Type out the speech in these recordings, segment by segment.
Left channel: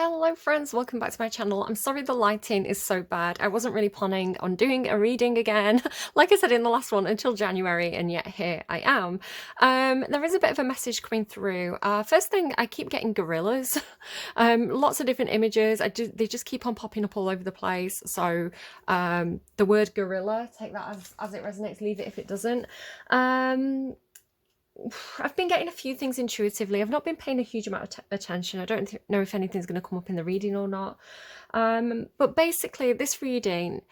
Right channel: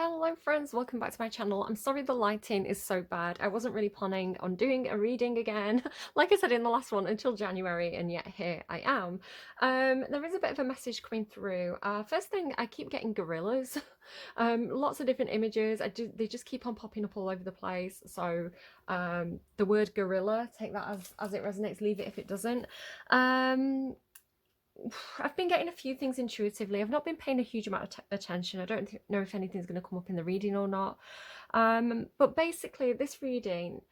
Hello friends, welcome back to my channel. I'm sorry the lighting is so bad. I wasn't really planning on doing a reading again, like I said in the last one, until January, and yet here I am. There is a bit of a message coming through. First thing, I keep getting gorillas. Lots of different images. They just keep on popping up all over the place. So the word gorilla, take that as it resonates, leave it if it doesn't. I've been getting a few things intuitively. I've not been paying a huge amount of attention. I don't know if anything's going to come up in the reading or not. But basically, this reading,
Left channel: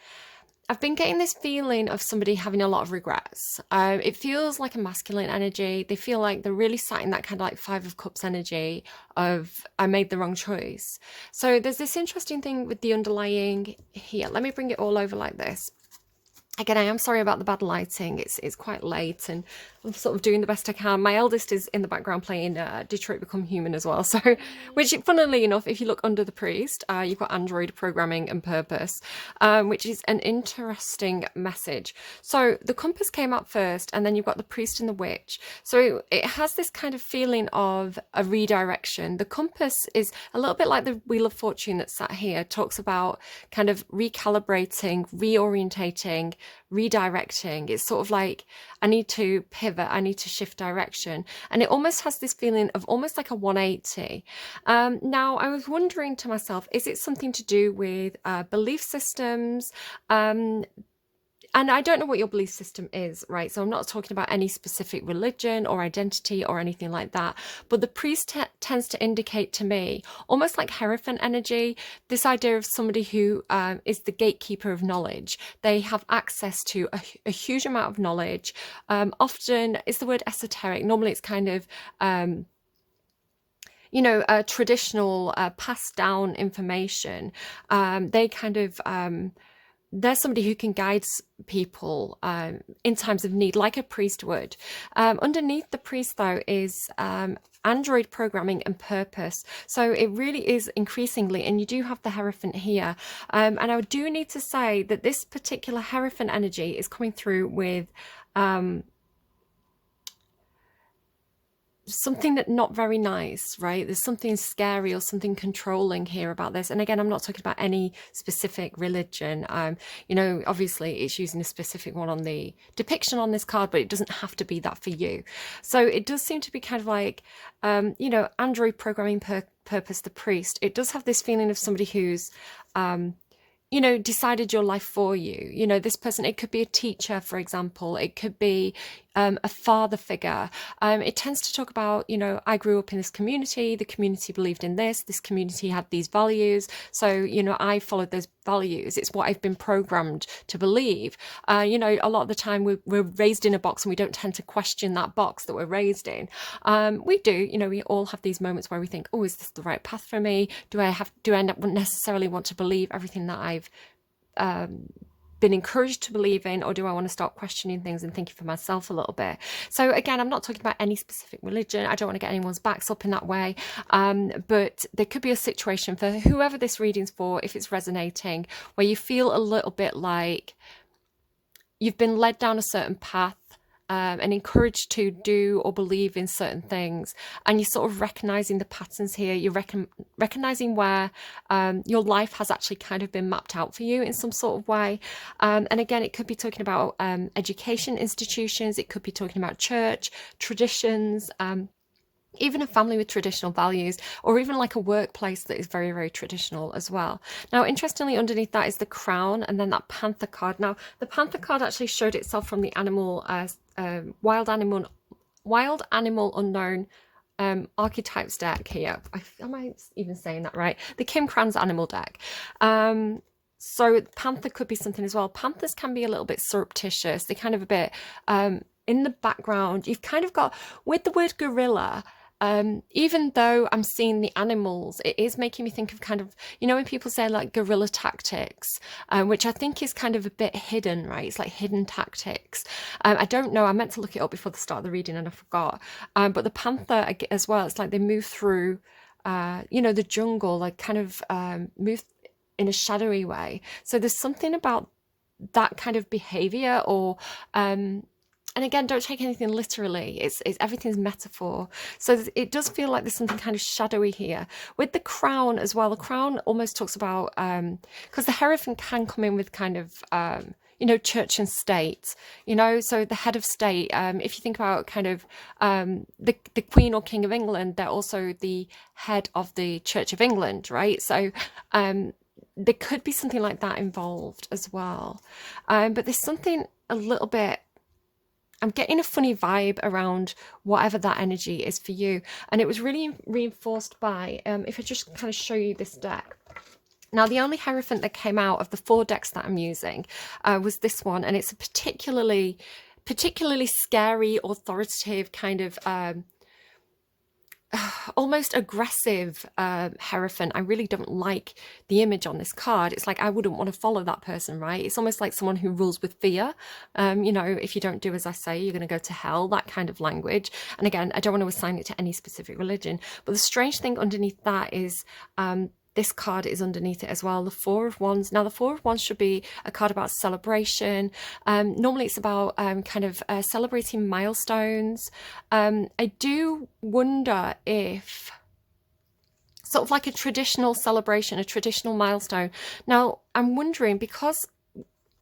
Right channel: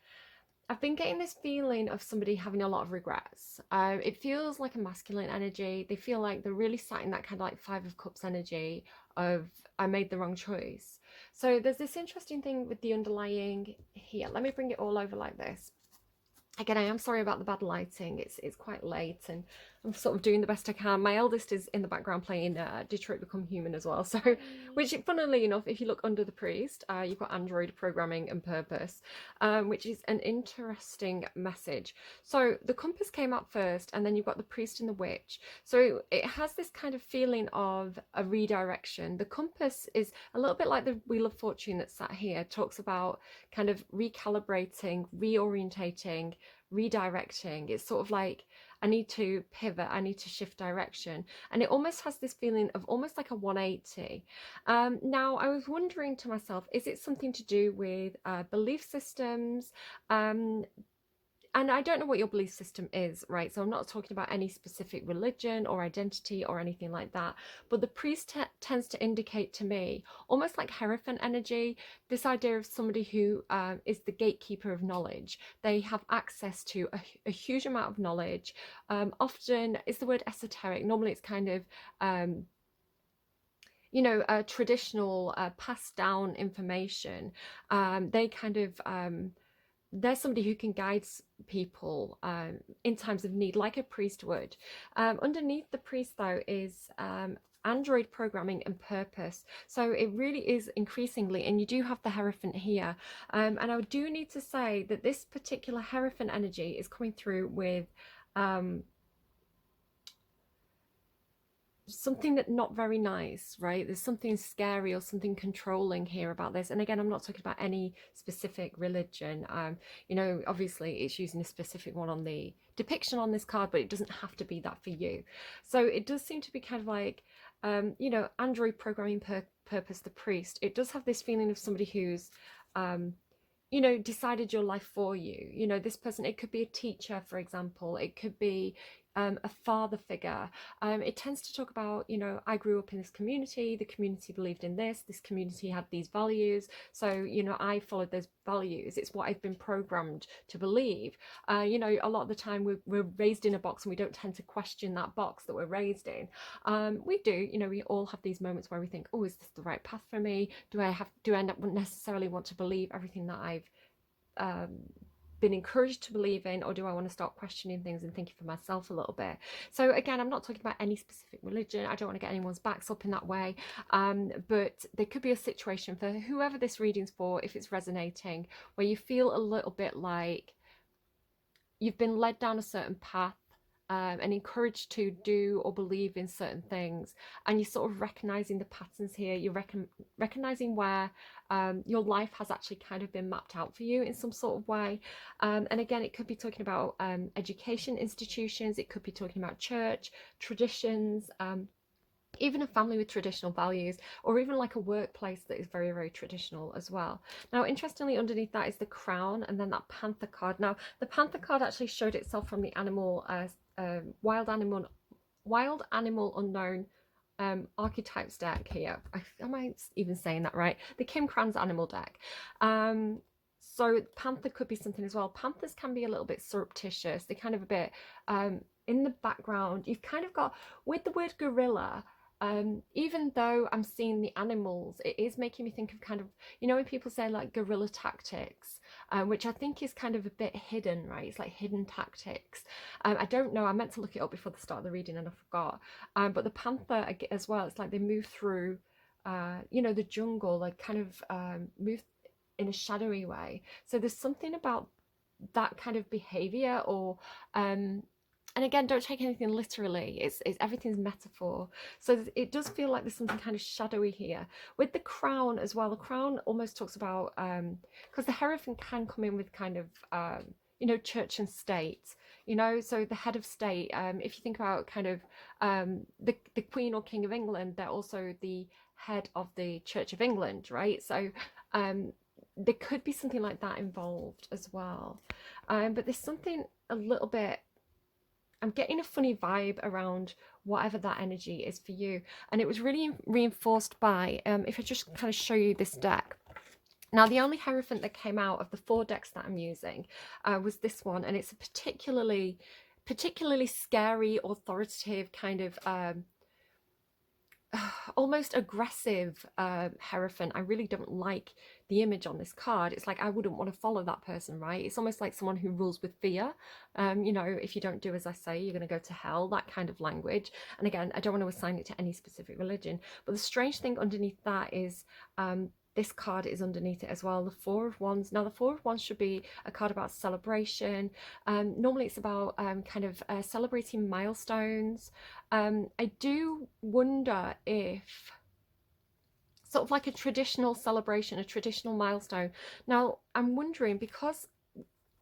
I've been getting this feeling of somebody having a lot of regrets. It feels like a masculine energy. They feel like they're really sat in that kind of like Five of Cups energy of I made the wrong choice. So there's this interesting thing with the underlying here. Let me bring it all over like this. Again, I am sorry about the bad lighting. It's quite late and I'm sort of doing the best I can. My eldest is in the background playing Detroit Become Human as well. So, which funnily enough, if you look under the priest, you've got Android programming and purpose, which is an interesting message. So the compass came up first and then you've got the priest and the witch. So it has this kind of feeling of a redirection. The compass is a little bit like the Wheel of Fortune that's sat here, talks about kind of recalibrating, reorientating, redirecting. It's sort of like I need to pivot, I need to shift direction, and it almost has this feeling of almost like a 180. Now I was wondering to myself, is it something to do with belief systems? And I don't know what your belief system is, right? So I'm not talking about any specific religion or identity or anything like that. But the priest tends to indicate to me, almost like Hierophant energy, this idea of somebody who is the gatekeeper of knowledge. They have access to a huge amount of knowledge. Often, is the word esoteric? Normally it's kind of traditional passed down information. They kind of there's somebody who can guide people in times of need, like a priest would. Underneath the priest, though, is Android programming and purpose. So it really is increasingly, and you do have the Hierophant here. And I do need to say that this particular Hierophant energy is coming through with something that not very nice, right? There's something scary or something controlling here about this. And again, I'm not talking about any specific religion. Obviously it's using a specific one on the depiction on this card, but it doesn't have to be that for you. So it does seem to be kind of like, Android programming purpose, the priest. It does have this feeling of somebody who's, decided your life for you. This person, it could be a teacher, for example. It could be a father figure. It tends to talk about, I grew up in this community, the community believed in this community had these values. So, I followed those values. It's what I've been programmed to believe. A lot of the time we're raised in a box and we don't tend to question that box that we're raised in. We do, we all have these moments where we think, oh, is this the right path for me? Do I not necessarily want to believe everything that I've been encouraged to believe in, or do I want to start questioning things and thinking for myself a little bit? So again, I'm not talking about any specific religion. I don't want to get anyone's backs up in that way, but there could be a situation for whoever this reading's for, if it's resonating, where you feel a little bit like you've been led down a certain path and encouraged to do or believe in certain things, and you're sort of recognizing the patterns here. You're recognizing where your life has actually kind of been mapped out for you in some sort of way. And again, it could be talking about education institutions. It could be talking about church traditions, even a family with traditional values, or even like a workplace that is very, very traditional as well. Now, interestingly, underneath that is the crown and then that panther card. Now, the panther card actually showed itself from the wild animal unknown archetypes deck here. Am I even saying that right? The Kim Kranz animal deck. So panther could be something as well. Panthers can be a little bit surreptitious. They're kind of a bit in the background. You've kind of got, with the word gorilla, even though I'm seeing the animals, it is making me think of kind of, when people say like guerrilla tactics, which I think is kind of a bit hidden, right? It's like hidden tactics. I don't know. I meant to look it up before the start of the reading and I forgot. But the panther as well, it's like they move through, the jungle, like kind of move in a shadowy way. So there's something about that kind of behavior, or and again, don't take anything literally. It's everything's metaphor. So it does feel like there's something kind of shadowy here with the crown as well. The crown almost talks about because the Hierophant can come in with kind of church and state, so the head of state, if you think about kind of the Queen or King of England, they're also the head of the Church of England, right? So there could be something like that involved as well. But there's something a little bit, I'm getting a funny vibe around whatever that energy is for you. And it was really reinforced by, if I just kind of show you this deck. Now, the only Hierophant that came out of the 4 decks that I'm using was this one. And it's a particularly scary, authoritative kind of almost aggressive Hierophant. I really don't like the image on this card. It's like I wouldn't want to follow that person, right? It's almost like someone who rules with fear. If you don't do as I say, you're going to go to hell, that kind of language. And again, I don't want to assign it to any specific religion. But the strange thing underneath that is this card is underneath it as well, the 4 of Wands. Now, the 4 of Wands should be a card about celebration. Normally, it's about celebrating milestones. I do wonder if sort of like a traditional celebration, a traditional milestone. Now, I'm wondering, because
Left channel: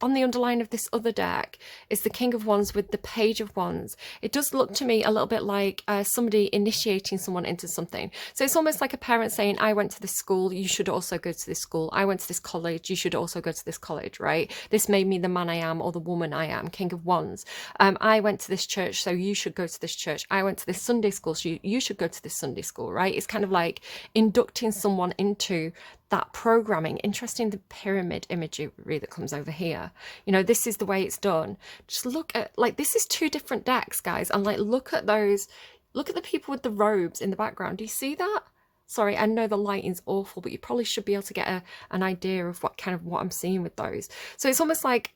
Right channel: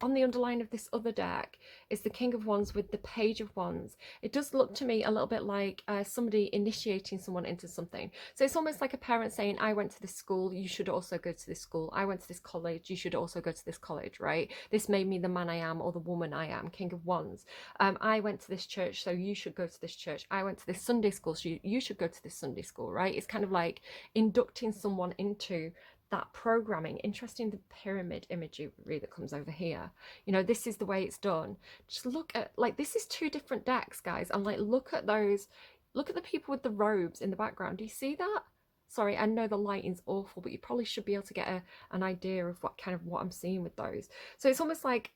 on the underline of this other deck is the King of Wands with the Page of Wands. It does look to me a little bit like somebody initiating someone into something. So it's almost like a parent saying, I went to this school, you should also go to this school. I went to this college, you should also go to this college, right? This made me the man I am or the woman I am, King of Wands. I went to this church, so you should go to this church. I went to this Sunday school, so you should go to this Sunday school, right? It's kind of like inducting someone into that programming. Interesting, the pyramid imagery that comes over here. This is the way it's done. Just look at, like, this is 2 different decks, guys, and like look at those, look at the people with the robes in the background. Do you see that? Sorry, I know the lighting's awful, but you probably should be able to get an idea of what I'm seeing with those. So it's almost like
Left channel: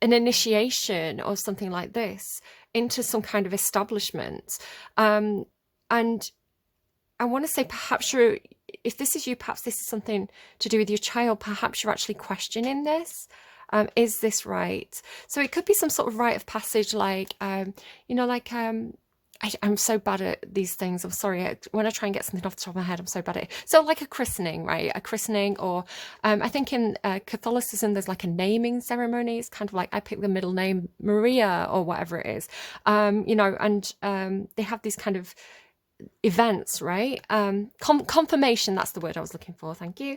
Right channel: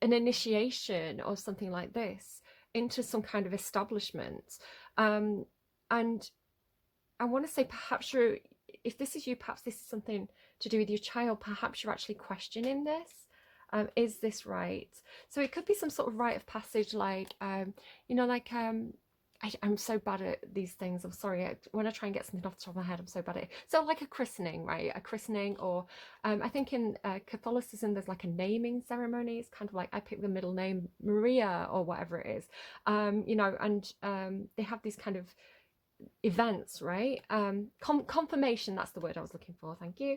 an initiation or something like this into some kind of establishment. And I want to say, perhaps if this is you, perhaps this is something to do with your child. Perhaps you're actually questioning this. Is this right? So it could be some sort of rite of passage, like, I'm so bad at these things. I'm sorry. When I try and get something off the top of my head, I'm so bad at it. So like a christening, right? A christening, or I think in Catholicism, there's like a naming ceremony. It's kind of like I pick the middle name Maria or whatever it is, and they have these kind of events, right? Confirmation, that's the word I was looking for, thank you.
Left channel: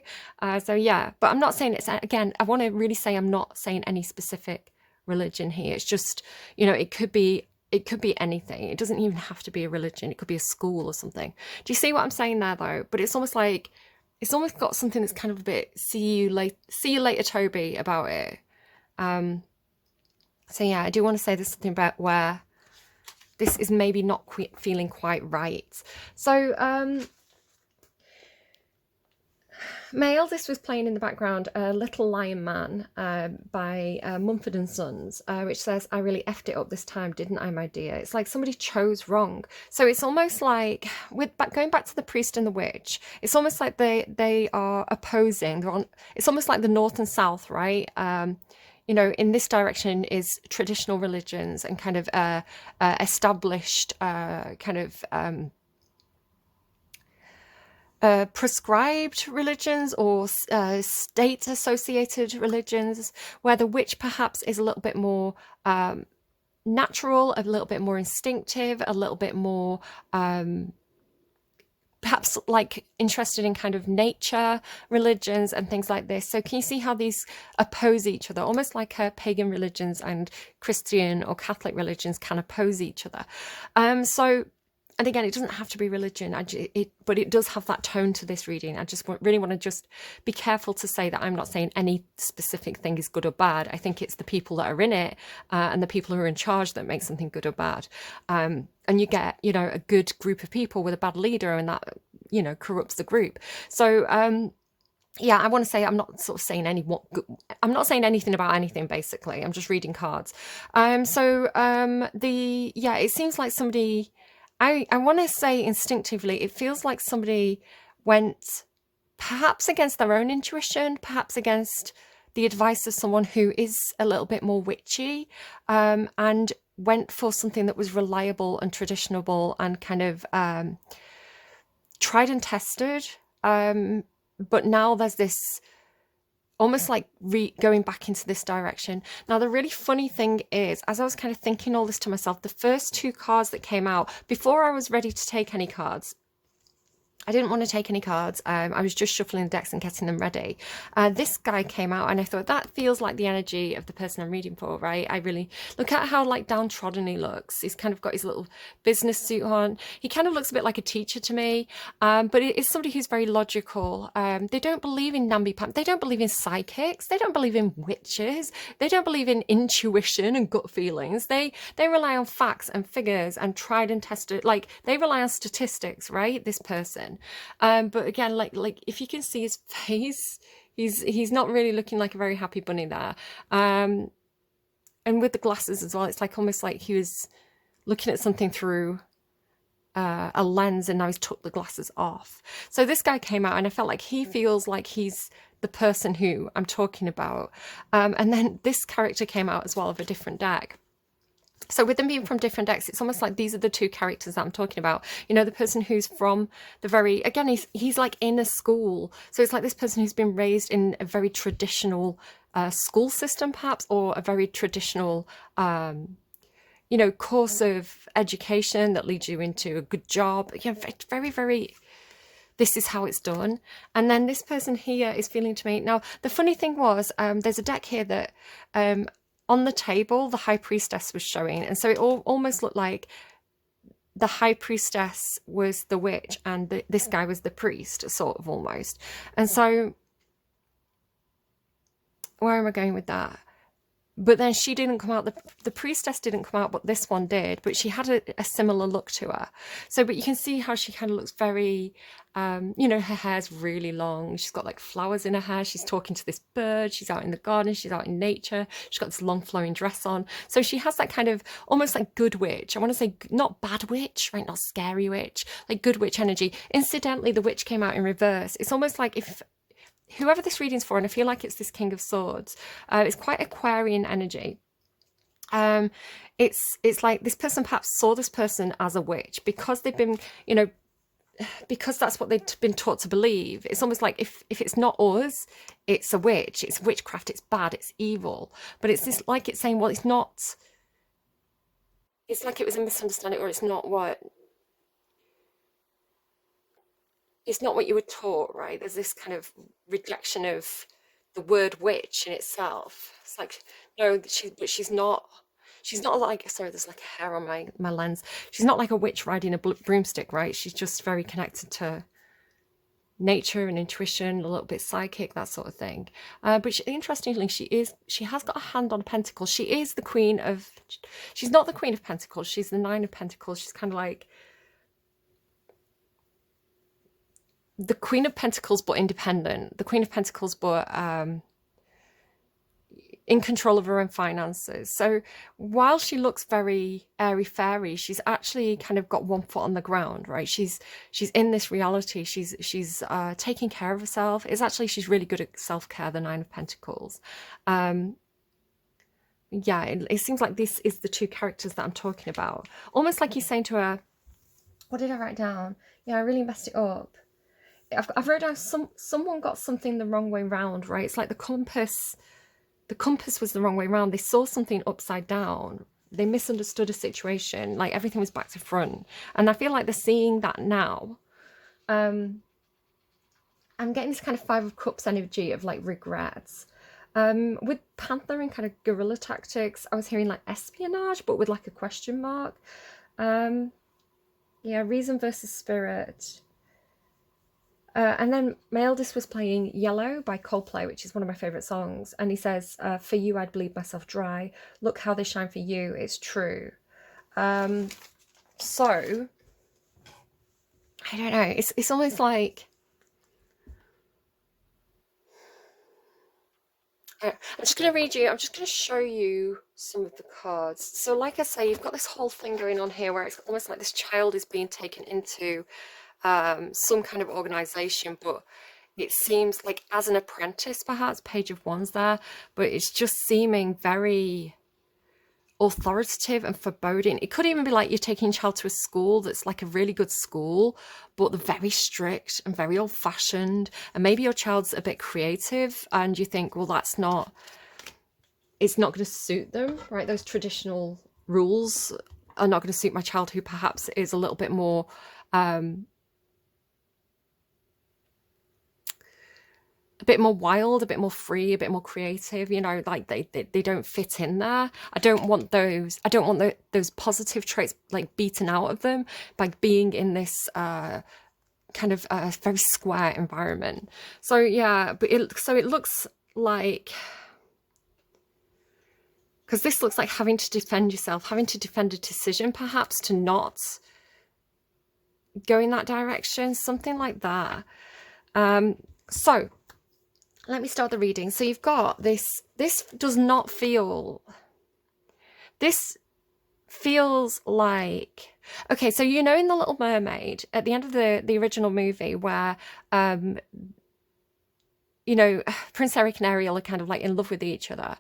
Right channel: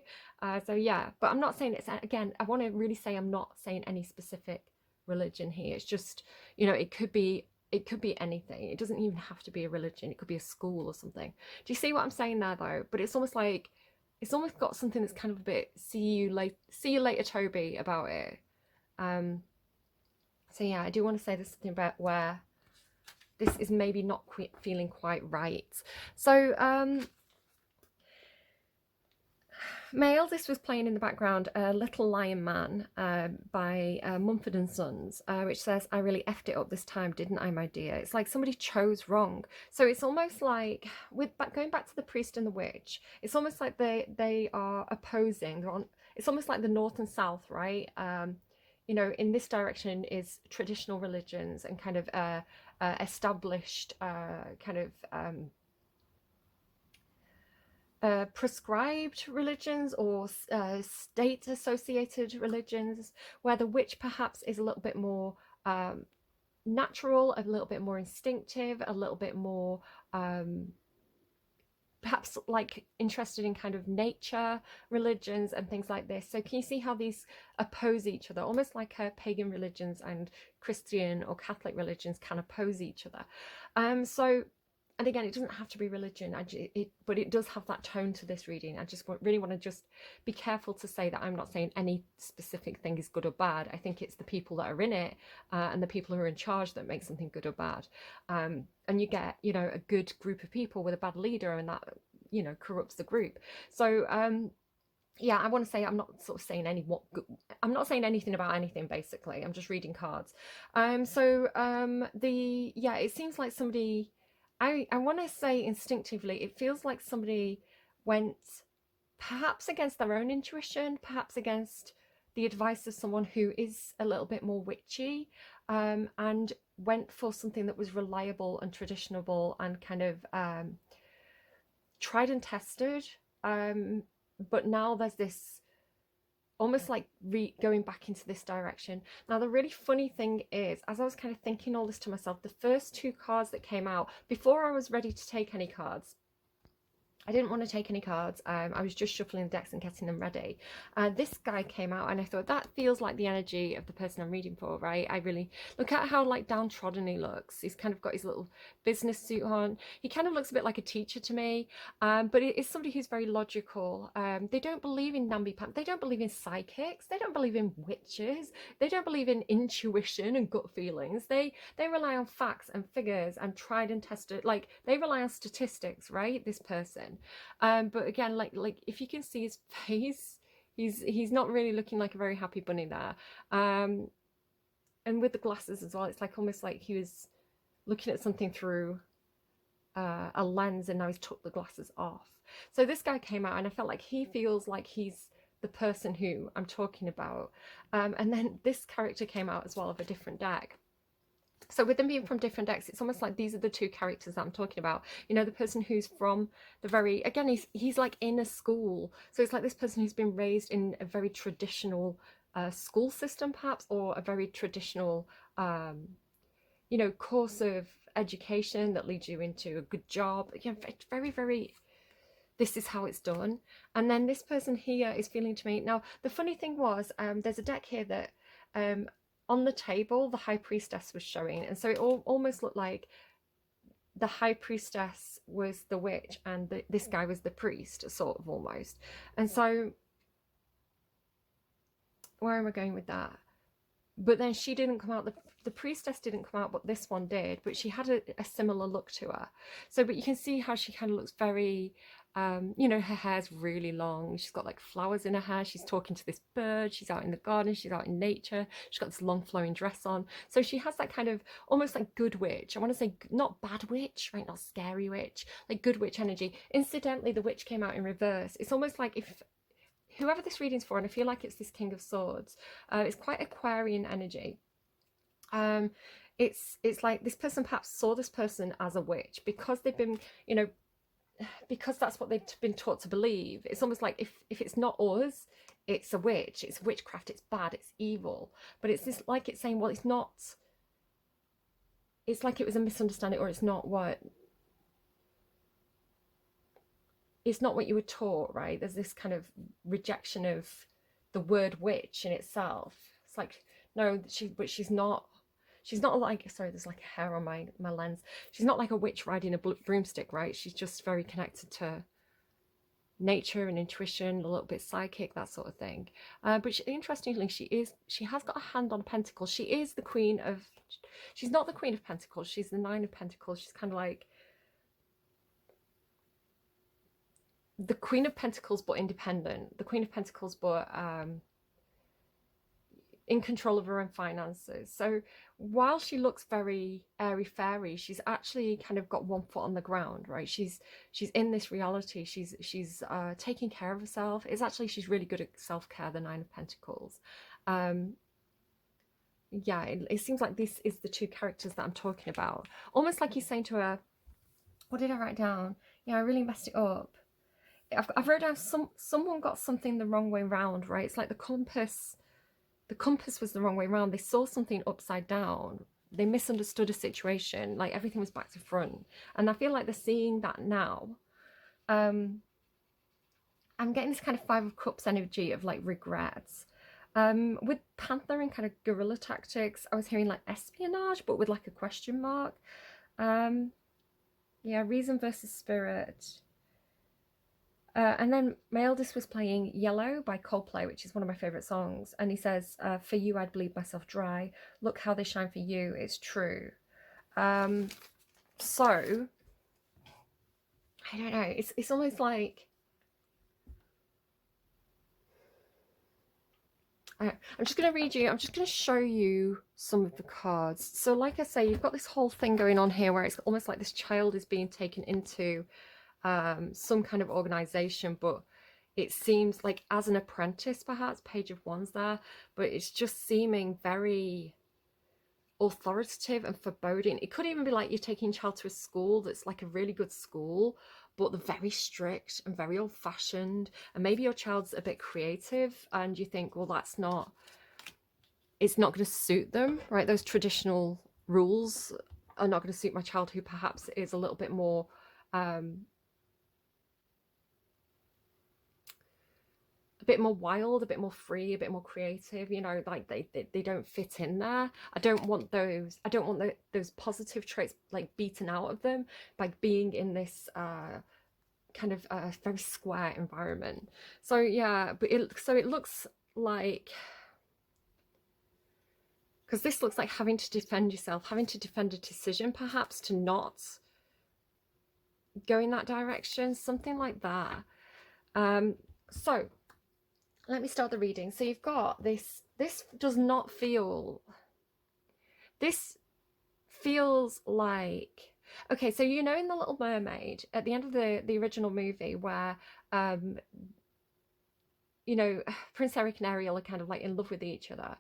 So yeah, but I'm not saying it's, again, I want to really say I'm not saying any specific religion here. It's just, it could be anything. It doesn't even have to be a religion. It could be a school or something. Do you see what I'm saying there, though? But it's almost like, it's almost got something that's kind of a bit see you later Toby about it. So yeah, I do want to say there's something about where this is maybe not feeling quite right. So my eldest was playing in the background Little Lion Man by Mumford & Sons, which says, I really effed it up this time, didn't I, my dear? It's like somebody chose wrong. So it's almost like, going back to the priest and the witch, it's almost like they are opposing. It's almost like the north and south, right? In this direction is traditional religions and kind of established kind of prescribed religions or state-associated religions, where the witch perhaps is a little bit more natural, a little bit more instinctive, a little bit more perhaps like interested in kind of nature religions and things like this. So can you see how these oppose each other, almost like pagan religions and Christian or Catholic religions can oppose each other? And again, it doesn't have to be religion, but it does have that tone to this reading. I just really want to just be careful to say that I'm not saying any specific thing is good or bad. I think it's the people that are in it and the people who are in charge that make something good or bad. And you get, a good group of people with a bad leader, and that, corrupts the group. So, yeah, I want to say I'm not sort of saying I'm not saying anything about anything, basically. I'm just reading cards. It seems like somebody, I want to say instinctively, it feels like somebody went perhaps against their own intuition, perhaps against the advice of someone who is a little bit more witchy, and went for something that was reliable and traditional and kind of tried and tested. But now there's this almost like going back into this direction. Now, the really funny thing is, as I was kind of thinking all this to myself, the first two cards that came out, before I was ready to take any cards, I didn't want to take any cards. I was just shuffling the decks and getting them ready. This guy came out and I thought, that feels like the energy of the person I'm reading for, right? I really look at how like downtrodden he looks. He's kind of got his little business suit on. He kind of looks a bit like a teacher to me, but it is somebody who's very logical. They don't believe in namby-pamby. They don't believe in psychics. They don't believe in witches. They don't believe in intuition and gut feelings. They rely on facts and figures and tried and tested. Like, they rely on statistics, right? This person. But again, like if you can see his face, he's not really looking like a very happy bunny there. And with the glasses as well, it's like almost like he was looking at something through a lens and now he's took the glasses off. So this guy came out and I felt like he feels like he's the person who I'm talking about. And then this character came out as well of a different deck. So with them being from different decks, it's almost like these are the two characters that I'm talking about. You know, the person who's from the very, again, he's like in a school. So it's like this person who's been raised in a very traditional school system, perhaps, or a very traditional, you know, course of education that leads you into a good job. Again, very, very, this is how it's done. And then this person here is feeling to me. Now, the funny thing was, there's a deck here that on the table, the High Priestess was showing. And so it almost looked like the High Priestess was the witch and this guy was the priest, sort of almost. And so where am I going with that? But then she didn't come out, the priestess didn't come out, but this one did. But she had a similar look to her. So, but you can see how she kind of looks very, you know, her hair's really long. She's got like flowers in her hair. She's talking to this bird. She's out in the garden. She's out in nature. She's got this long flowing dress on. So she has that kind of almost like good witch. I want to say not bad witch, right? Not scary witch, like good witch energy. Incidentally, the witch came out in reverse. It's almost like if whoever this reading's for, and I feel like it's this King of Swords, it's quite Aquarian energy. It's like this person perhaps saw this person as a witch because they've been, you know, because that's what they've been taught to believe. It's almost like if it's not us, it's a witch, it's witchcraft, it's bad, it's evil. But it's this, like it's saying, well, it's not, it's like it was a misunderstanding, or it's not what you were taught, right? There's this kind of rejection of the word witch in itself. It's like, no, she's not like, sorry, there's like a hair on my lens. She's not like a witch riding a broomstick, right? She's just very connected to nature and intuition, a little bit psychic, that sort of thing. But interestingly, she has got a hand on a pentacle. She is the queen of, she's not the Queen of Pentacles, she's the Nine of Pentacles. She's kind of like the Queen of Pentacles, but independent. The Queen of Pentacles, but in control of her own finances. So while she looks very airy-fairy, she's actually kind of got one foot on the ground, right? She's in this reality. She's taking care of herself. It's actually, she's really good at self-care, the Nine of Pentacles. Yeah, it seems like this is the two characters that I'm talking about. Almost like he's saying to her, what did I write down? Yeah, I really messed it up. I've wrote down someone got something the wrong way round, right? It's like the compass was the wrong way round. They saw something upside down. They misunderstood a situation, like everything was back to front. And I feel like they're seeing that now. I'm getting this kind of Five of Cups energy of like regrets. With Panther and kind of guerrilla tactics, I was hearing like espionage, but with like a question mark. Yeah, reason versus spirit. And then my eldest was playing Yellow by Coldplay, which is one of my favourite songs. And he says, for you, I'd bleed myself dry. Look how they shine for you. It's true. So, I don't know. It's almost like, I'm just going to read you, I'm just going to show you some of the cards. So like I say, you've got this whole thing going on here where it's almost like this child is being taken into some kind of organization, but it seems like as an apprentice, perhaps. Page of Wands there, but it's just seeming very authoritative and foreboding. It could even be like you're taking a child to a school that's like a really good school, but they're very strict and very old-fashioned, and maybe your child's a bit creative and you think, well, it's not going to suit them, right? Those traditional rules are not going to suit my child, who perhaps is a little bit more a bit more wild, a bit more free, a bit more creative, you know, like they don't fit in there. I don't want those positive traits like beaten out of them by being in this kind of very square environment. So yeah, but it looks like, because this looks like having to defend yourself, having to defend a decision, perhaps to not go in that direction, something like that. So let me start the reading. So you've got this does not feel, this feels like, okay, so you know in The Little Mermaid, at the end of the original movie, where you know, Prince Eric and Ariel are kind of like in love with each other,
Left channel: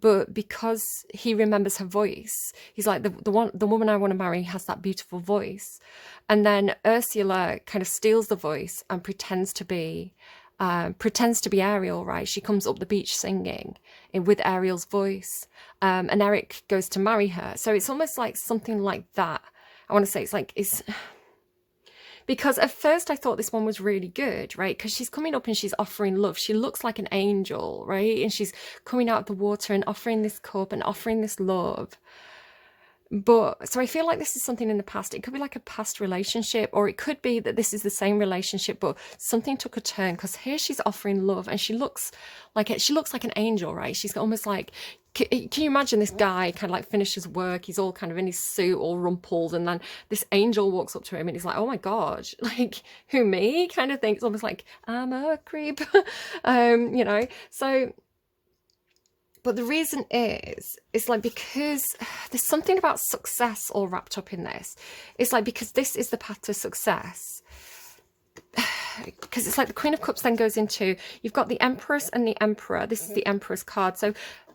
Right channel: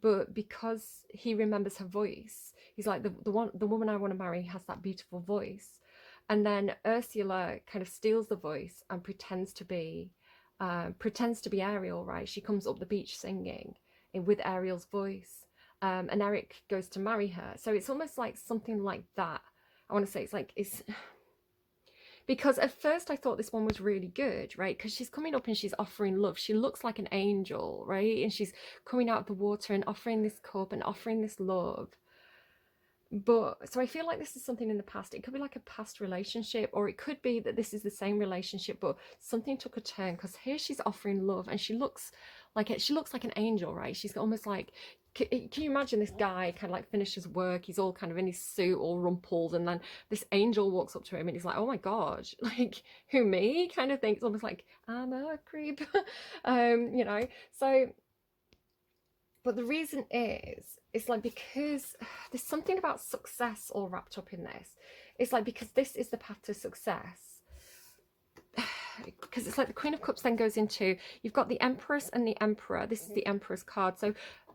but because he remembers her voice, he's like, the woman I want to marry has that beautiful voice. And then Ursula kind of steals the voice and pretends to be Ariel, right? She comes up the beach singing with Ariel's voice, and Eric goes to marry her. So it's almost like something like that. I want to say it's because at first I thought this one was really good, right? Because she's coming up and she's offering love. She looks like an angel, right? And she's coming out of the water and offering this cup and offering this love. But so I feel like this is something in the past. It could be like a past relationship, or it could be that this is the same relationship, but something took a turn, because here she's offering love and she looks like an angel, right? She's almost like, can you imagine this guy kind of like finishes work, he's all kind of in his suit, all rumpled, and then this angel walks up to him and he's like, oh my God, like, who, me? Kind of thing. It's almost like, I'm a creep. You know, so, but the reason is, it's like, because there's something about success all wrapped up in this. It's like, because this is the path to success. Because it's like the Queen of Cups then goes into, you've got the Empress and the Emperor. This is the Emperor's card. So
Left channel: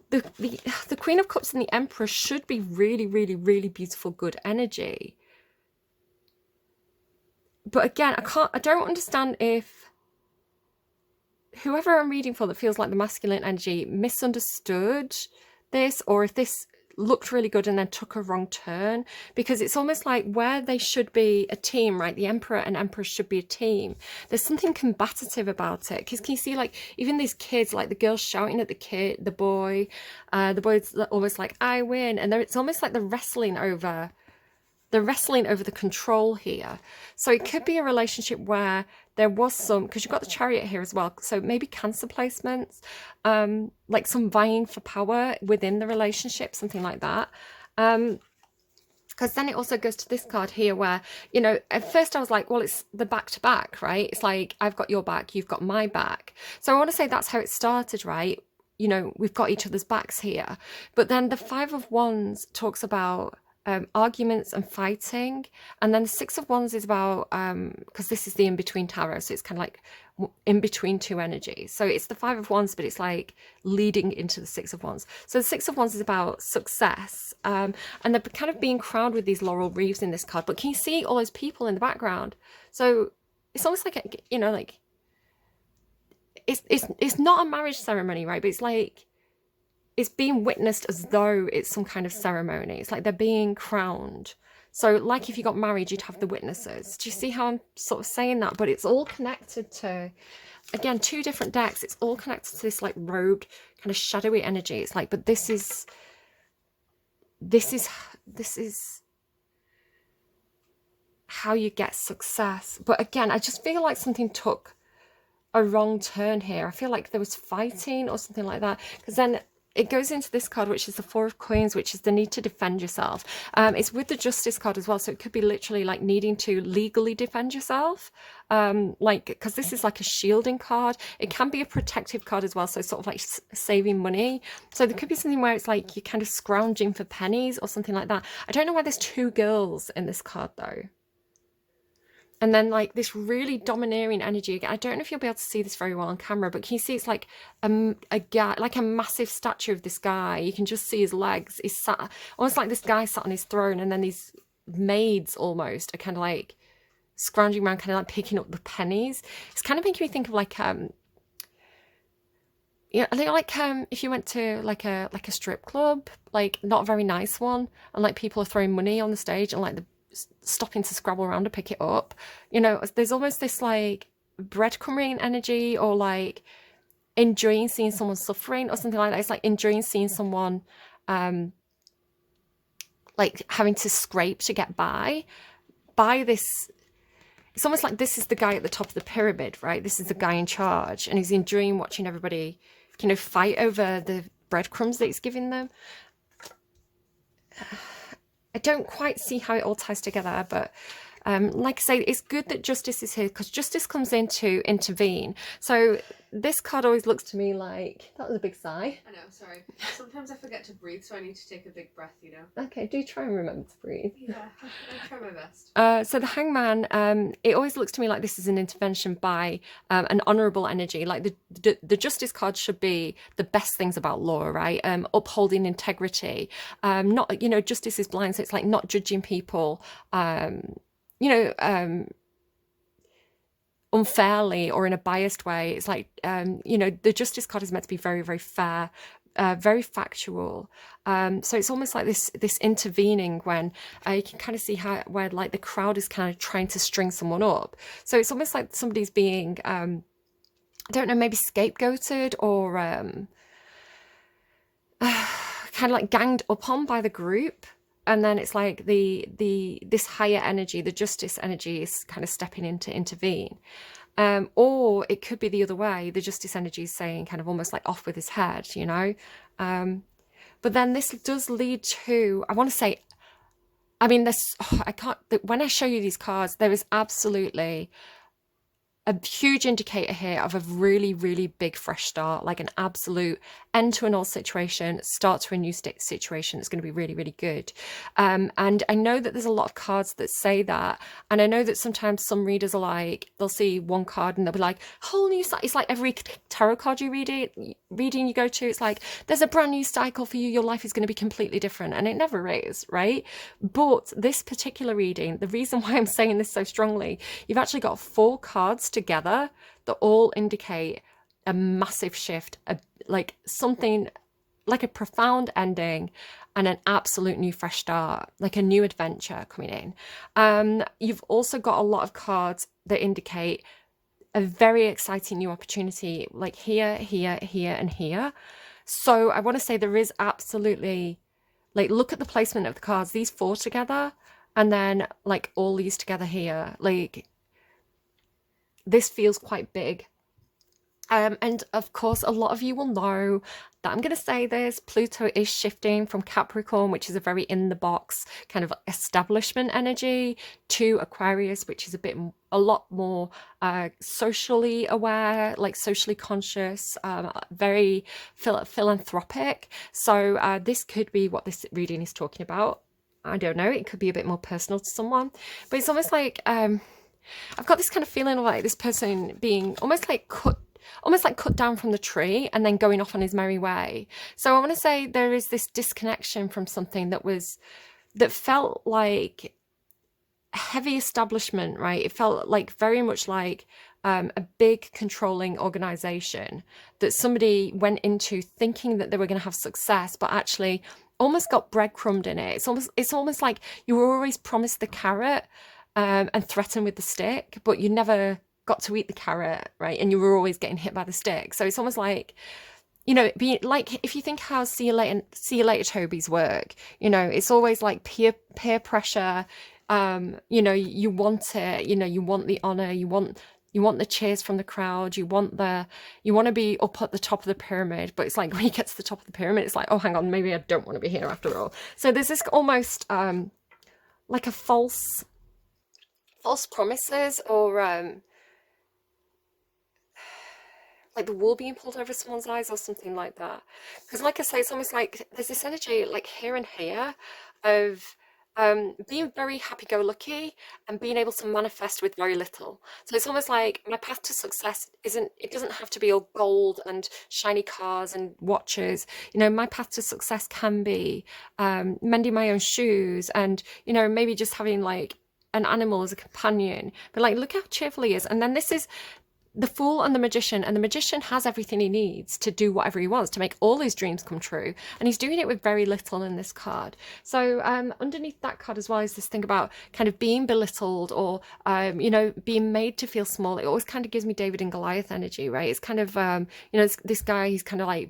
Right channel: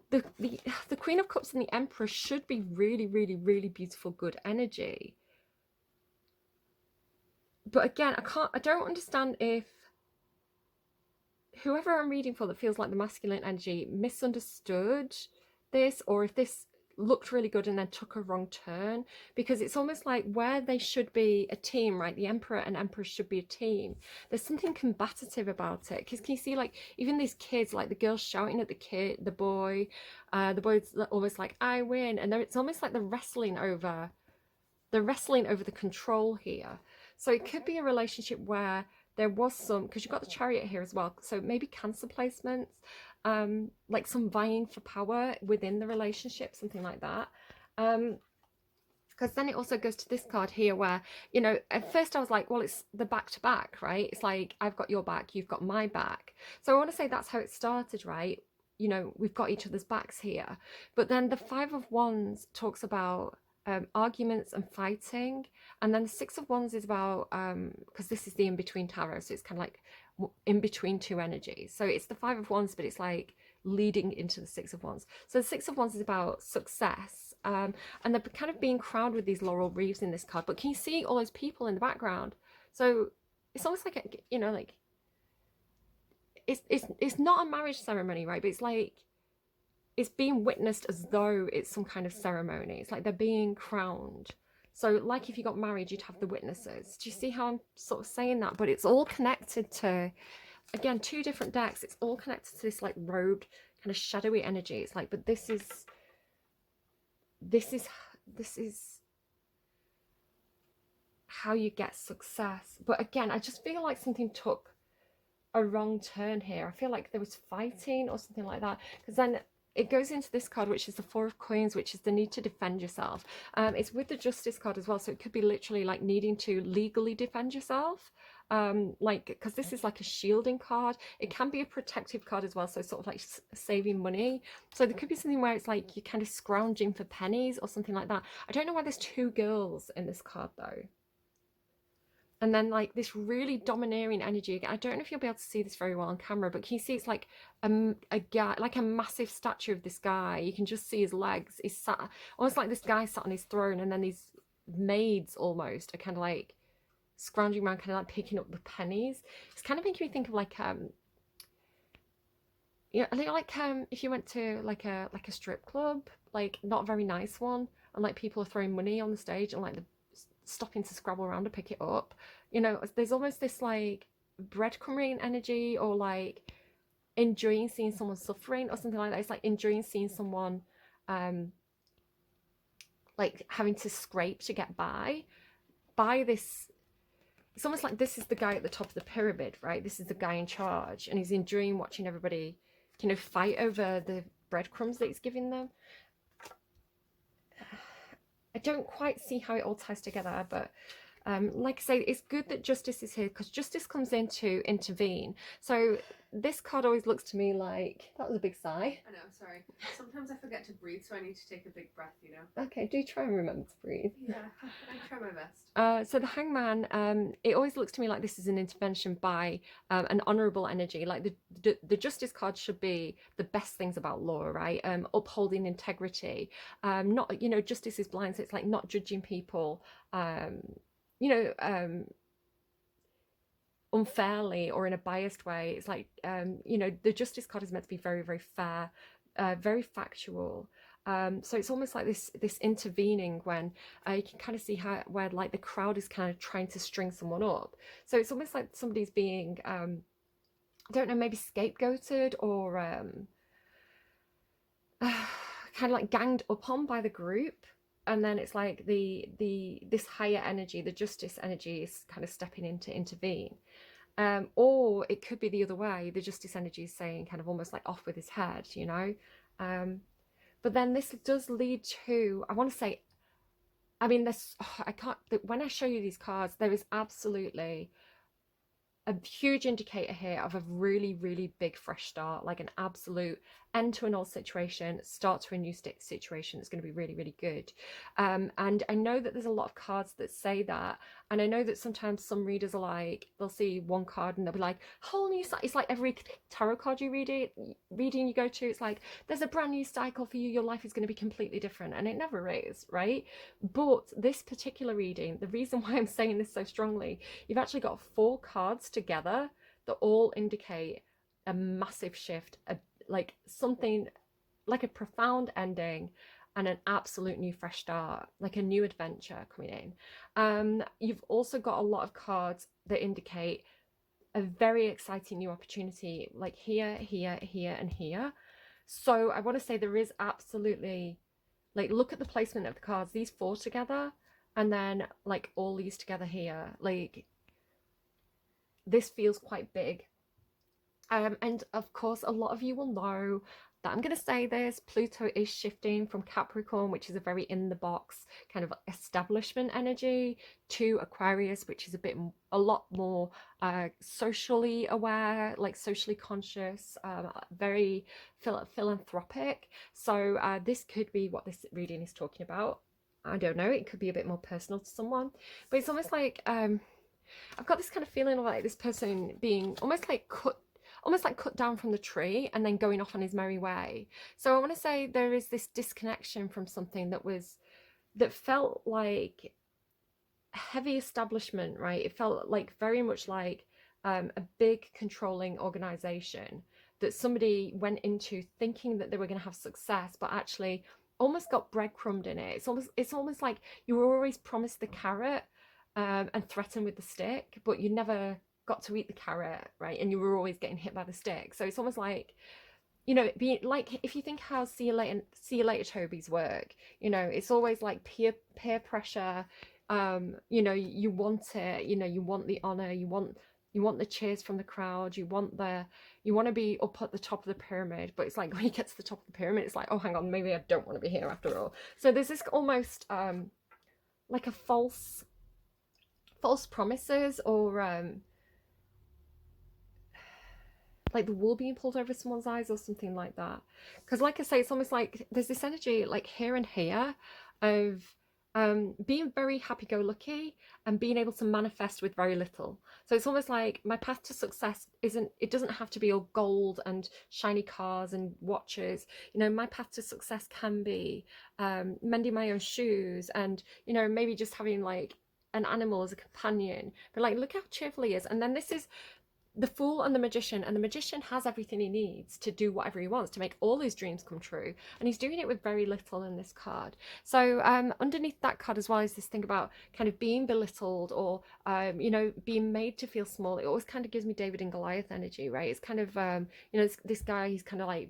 the Queen of Cups and the Emperor should be really, really, really beautiful, good energy. But again, I don't understand if whoever I'm reading for that feels like the masculine energy misunderstood this, or if this looked really good and then took a wrong turn, because it's almost like where they should be a team, right? The Emperor and Empress should be a team. There's something combative about it, because can you see, like, even these kids, like the girl's shouting at the boy's almost like, I win, and it's almost like they're wrestling over the control here. So it could be a relationship where there was some, because you've got the Chariot here as well, so maybe Cancer placements, like some vying for power within the relationship, something like that. Because then it also goes to this card here where, you know, at first I was like, well, it's the back-to-back, right? It's like, I've got your back, you've got my back. So I want to say that's how it started, right? You know, we've got each other's backs here. But then the Five of Wands talks about arguments and fighting, and then the Six of Wands is about because this is the in-between tarot, so it's kind of like in between two energies. So it's the Five of Wands, but it's like leading into the Six of Wands. So the Six of Wands is about success, and they're kind of being crowned with these laurel wreaths in this card. But can you see all those people in the background? So it's almost like, you know, like it's not a marriage ceremony, right? But it's like, it's being witnessed as though it's some kind of ceremony. It's like they're being crowned. So like if you got married, you'd have the witnesses. Do you see how I'm sort of saying that? But it's all connected to, again, two different decks. It's all connected to this like robed kind of shadowy energy. It's like, but this is how you get success. But again, I just feel like something took a wrong turn here. I feel like there was fighting or something like that, because then it goes into this card, which is the Four of Coins, which is the need to defend yourself. It's with the Justice card as well, so it could be literally like needing to legally defend yourself, like, because this is like a shielding card. It can be a protective card as well, so sort of like saving money. So there could be something where it's like you're kind of scrounging for pennies or something like that. I don't know why there's two girls in this card though. And then like this really domineering energy again. I don't know if you'll be able to see this very well on camera, but can you see it's like a guy, like a massive statue of this guy. You can just see his legs. He's sat almost like this guy sat on his throne, and then these maids almost are kind of like scrounging around, kind of like picking up the pennies. It's kind of making me think of like yeah, I think like if you went to like a strip club, like not a very nice one, and like people are throwing money on the stage and like the stopping to scrabble around to pick it up. You know, there's almost this like breadcrumbing energy, or like enjoying seeing someone suffering or something like that. It's like enjoying seeing someone um like having to scrape to get by this. It's almost like this is the guy at the top of the pyramid, right? This is the guy in charge, and he's enjoying watching everybody, you know, fight over the breadcrumbs that he's giving them. I don't quite see how it all ties together, but like I say, it's good that Justice is here, because Justice comes in to intervene. So this card always looks to me like, that was a big sigh. I know, sorry. Sometimes I forget to breathe, so I need to take a big breath, you know. Okay, do try and remember to breathe. Yeah, I try my best. So the Hangman, it always looks to me like this is an intervention by an honourable energy. Like the Justice card should be the best things about law, right? Upholding integrity. Not, you know, justice is blind, so it's like not judging people, you know, unfairly or in a biased way. It's like, you know, the Justice card is meant to be very, very fair, very factual. So it's almost like this intervening when you can kind of see how where like the crowd is kind of trying to string someone up. So it's almost like somebody's being, I don't know, maybe scapegoated or kind of like ganged up on by the group. And then it's like this higher energy, the Justice energy, is kind of stepping in to intervene. Or it could be the other way. The Justice energy is saying kind of almost like off with his head, you know. But then this does lead to, I want to say, I mean, this, I can't, when I show you these cards, there is absolutely a huge indicator here of a really, really big fresh start, like an absolute end to an old situation, start to a new situation. It's going to be really, really good. And I know that there's a lot of cards that say that. And I know that sometimes some readers are like, they'll see one card and they'll be like, whole new cycle. It's like every tarot card you reading you go to, it's like, there's a brand new cycle for you. Your life is going to be completely different. And it never is, right? But this particular reading, the reason why I'm saying this so strongly, you've actually got 4 cards together that all indicate a massive shift, like something like a profound ending and an absolute new fresh start, like a new adventure coming in. You've also got a lot of cards that indicate a very exciting new opportunity, like here, here, here, and here. So I want to say there is absolutely, like, look at the placement of the cards, these 4 together, and then like all these together here, like this feels quite big. And of course, a lot of you will know that I'm going to say this, Pluto is shifting from Capricorn, which is a very in the box kind of establishment energy, to Aquarius, which is a lot more socially aware, like socially conscious, very philanthropic. So this could be what this reading is talking about. I don't know, it could be a bit more personal to someone, but it's almost like I've got this kind of feeling of like this person being almost like cut down from the tree and then going off on his merry way. So I want to say there is this disconnection from something that felt like heavy establishment, right? It felt like very much like a big controlling organization that somebody went into thinking that they were going to have success, but actually almost got breadcrumbed in it. It's almost like you were always promised the carrot and threatened with the stick, but you never got to eat the carrot, right? And you were always getting hit by the stick. So it's almost like, you know, be like, if you think how see you later Toby's work, you know, it's always like peer pressure. You know, you want it, you know, you want the honor, you want the cheers from the crowd, you want to be up at the top of the pyramid. But it's like when you get to the top of the pyramid, it's like, oh, hang on, maybe I don't want to be here after all. So there's this almost like a false promises, or like the wool being pulled over someone's eyes or something like that. Because like I say, it's almost like there's this energy like here and here of being very happy-go-lucky and being able to manifest with very little. So it's almost like my path to success isn't, it doesn't have to be all gold and shiny cars and watches. You know, my path to success can be mending my own shoes and, you know, maybe just having like an animal as a companion. But like, look how cheerful he is. And then this is the fool and the magician has everything he needs to do whatever he wants to make all his dreams come true, and he's doing it with very little in this card. So underneath that card as well is this thing about kind of being belittled or you know, being made to feel small. It always kind of gives me David and Goliath energy, right? It's kind of you know, this guy, he's kind of like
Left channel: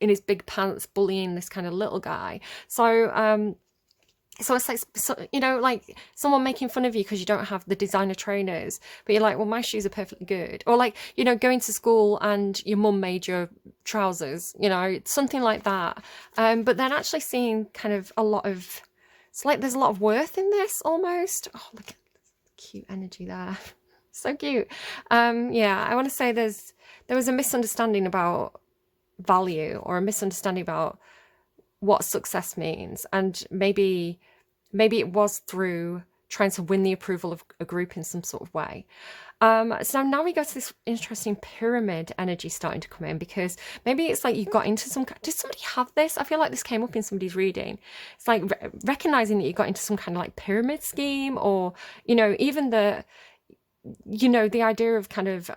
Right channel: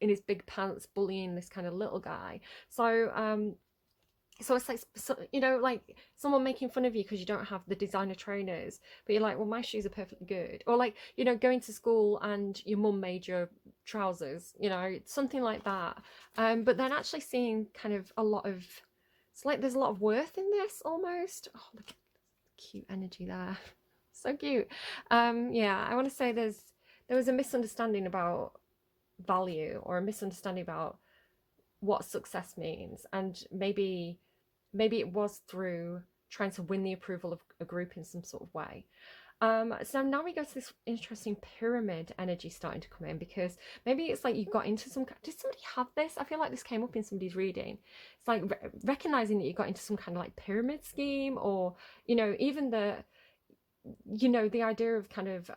in his big pants bullying this kind of little guy. So it's like, so, you know, like someone making fun of you because you don't have the designer trainers, but you're like, well, my shoes are perfectly good. Or like, you know, going to school and your mum made your trousers, you know, something like that. But then actually seeing kind of a lot of, it's like there's a lot of worth in this almost. Oh, look at the cute energy there. So cute. Yeah, I want to say there was a misunderstanding about value or a misunderstanding about what success means, and maybe it was through trying to win the approval of a group in some sort of way. So now we go to this interesting pyramid energy starting to come in, because maybe it's like you got into some. Did somebody have this? I feel like this came up in somebody's reading. It's like recognizing that you got into some kind of like pyramid scheme, or you know, even the, you know, the idea of kind of.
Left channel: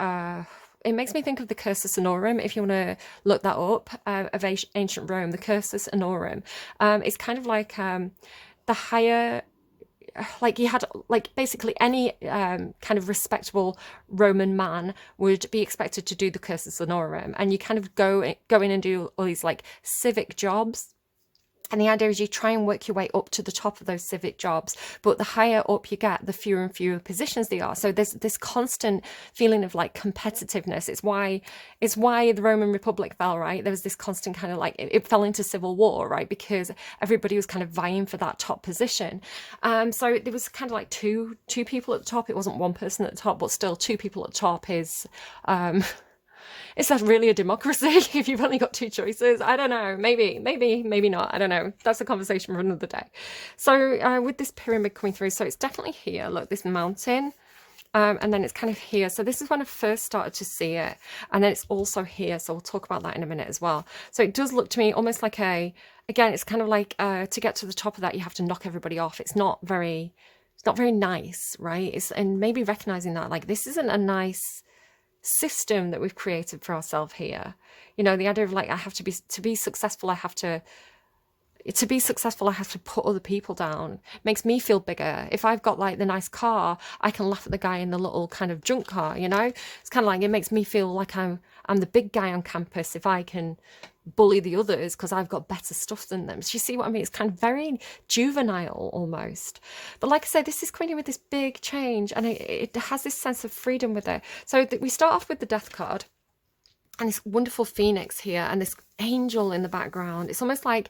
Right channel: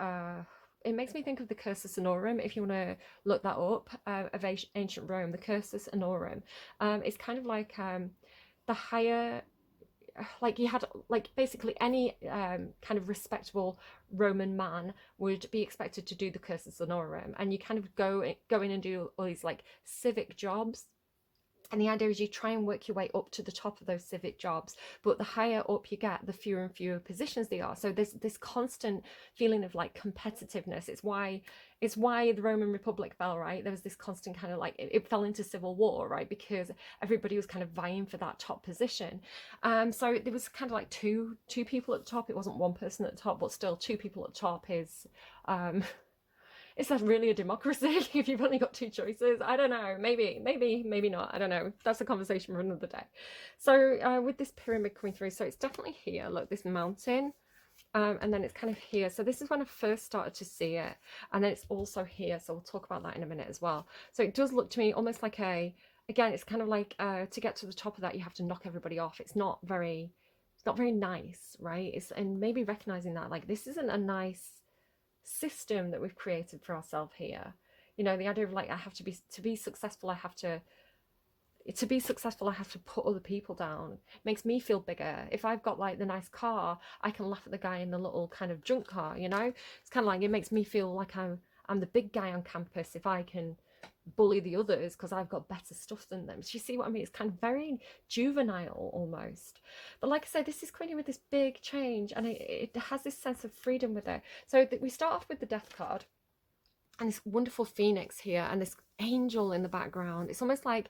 It makes me think of the Cursus Honorum. If you want to look that up, of ancient Rome, the Cursus Honorum. It's kind of like the higher, like you had like basically any kind of respectable Roman man would be expected to do the Cursus Honorum, and you kind of go in and do all these like civic jobs. And the idea is you try and work your way up to the top of those civic jobs, but the higher up you get, the fewer and fewer positions they are. So there's this constant feeling of like competitiveness. It's why the Roman Republic fell, right? There was this constant kind of like it fell into civil war, right? Because everybody was kind of vying for that top position. So there was kind of like two people at the top. It wasn't one person at the top, but still two people at the top is is that really a democracy if you've only got two choices? I don't know. Maybe not. I don't know. That's a conversation for another day. So with this pyramid coming through, so it's definitely here. Look, this mountain. And then it's kind of here. So this is when I first started to see it. And then it's also here. So we'll talk about that in a minute as well. So it does look to me almost like again, it's kind of like to get to the top of that, you have to knock everybody off. It's not very nice, right? And maybe recognizing that, like, this isn't a nice system that we've created for ourselves here. You know, the idea of like, I have to be successful, I have to put other people down. It makes me feel bigger. If I've got like the nice car, I can laugh at the guy in the little kind of junk car, you know? It's kind of like, it makes me feel like I'm the big guy on campus if I can bully the others because I've got better stuff than them. So you see what I mean? It's kind of very juvenile almost. But like I said, this is coming in with this big change, and it has this sense of freedom with it. So we start off with the death card and this wonderful phoenix here and this angel in the background. It's almost like,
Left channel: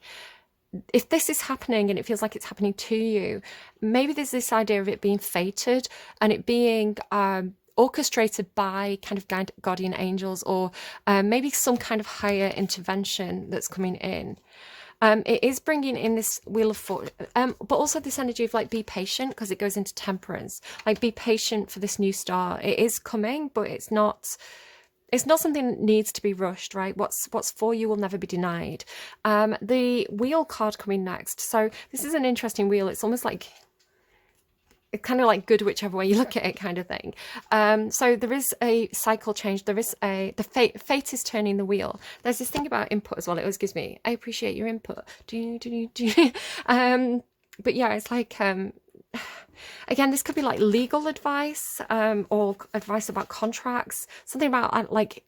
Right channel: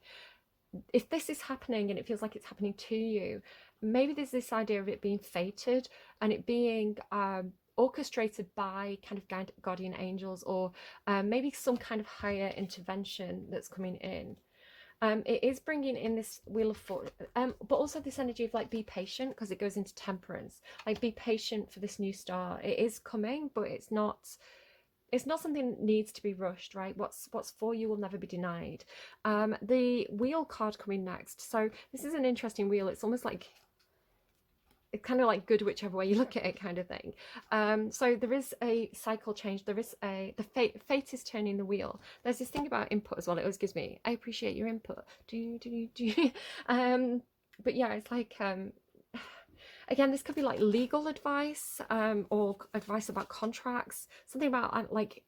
if this is happening and it feels like it's happening to you, maybe there's this idea of it being fated and it being orchestrated by kind of guardian angels, or maybe some kind of higher intervention that's coming in. It is bringing in this wheel of fortune, but also this energy of like, be patient, because it goes into temperance. Like, be patient for this new start. It is coming, but it's not something that needs to be rushed, right? What's for you will never be denied. The wheel card coming next. So this is an interesting wheel. It's almost like, it's kind of like good whichever way you look at it kind of thing. So there is a cycle change. There is the fate is turning the wheel. There's this thing about input as well. It always gives me, I appreciate your input. But yeah, it's like, again, this could be like legal advice, or advice about contracts, something about like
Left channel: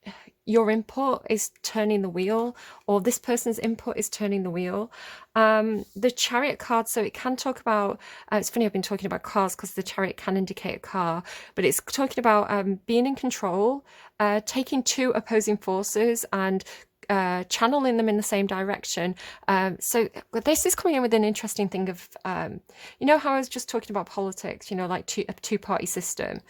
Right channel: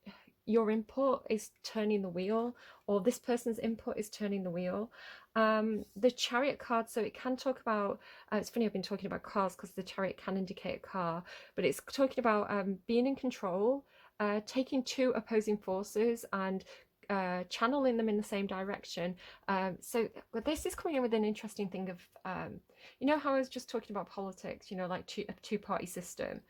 your input is turning the wheel, or this person's input is turning the wheel. The chariot card, so it can talk about, it's funny, I've been talking about cars because the chariot can indicate a car, but it's talking about being in control, taking two opposing forces and channeling them in the same direction. So this is coming in with an interesting thing of, you know how I was just talking about politics, you know, like a two-party system.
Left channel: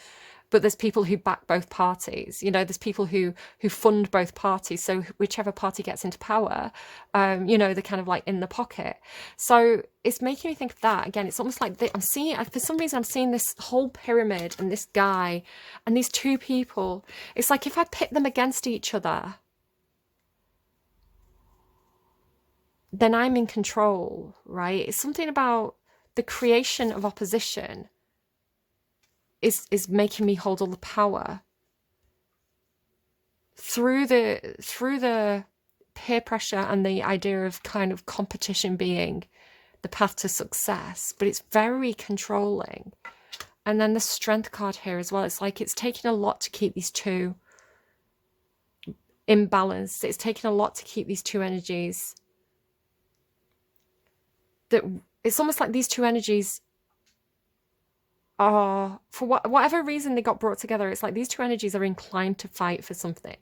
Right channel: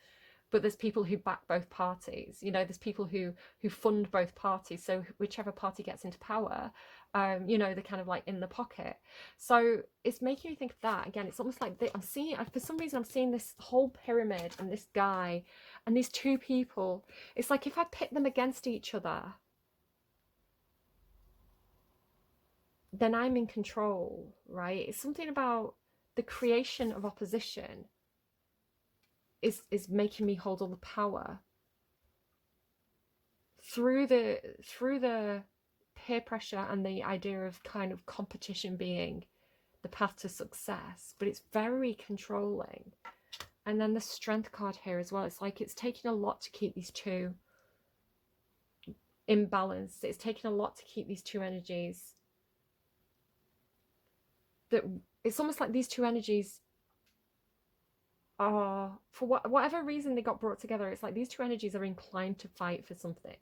but there's people who back both parties. You know, there's people who fund both parties. So whichever party gets into power, you know, they're kind of like in the pocket. So it's making me think of that again. It's almost like I'm seeing, for some reason, I'm seeing this whole pyramid and this guy and these two people. It's like if I pit them against each other, then I'm in control, right? It's something about the creation of opposition is making me hold all the power through the peer pressure and the idea of kind of competition being the path to success, but it's very controlling. And then the strength card here as well, it's like it's taking a lot to keep these two in balance. It's taking a lot to keep these two energies, that it's almost like these two energies are, for whatever reason they got brought together, it's like these two energies are inclined to fight for something,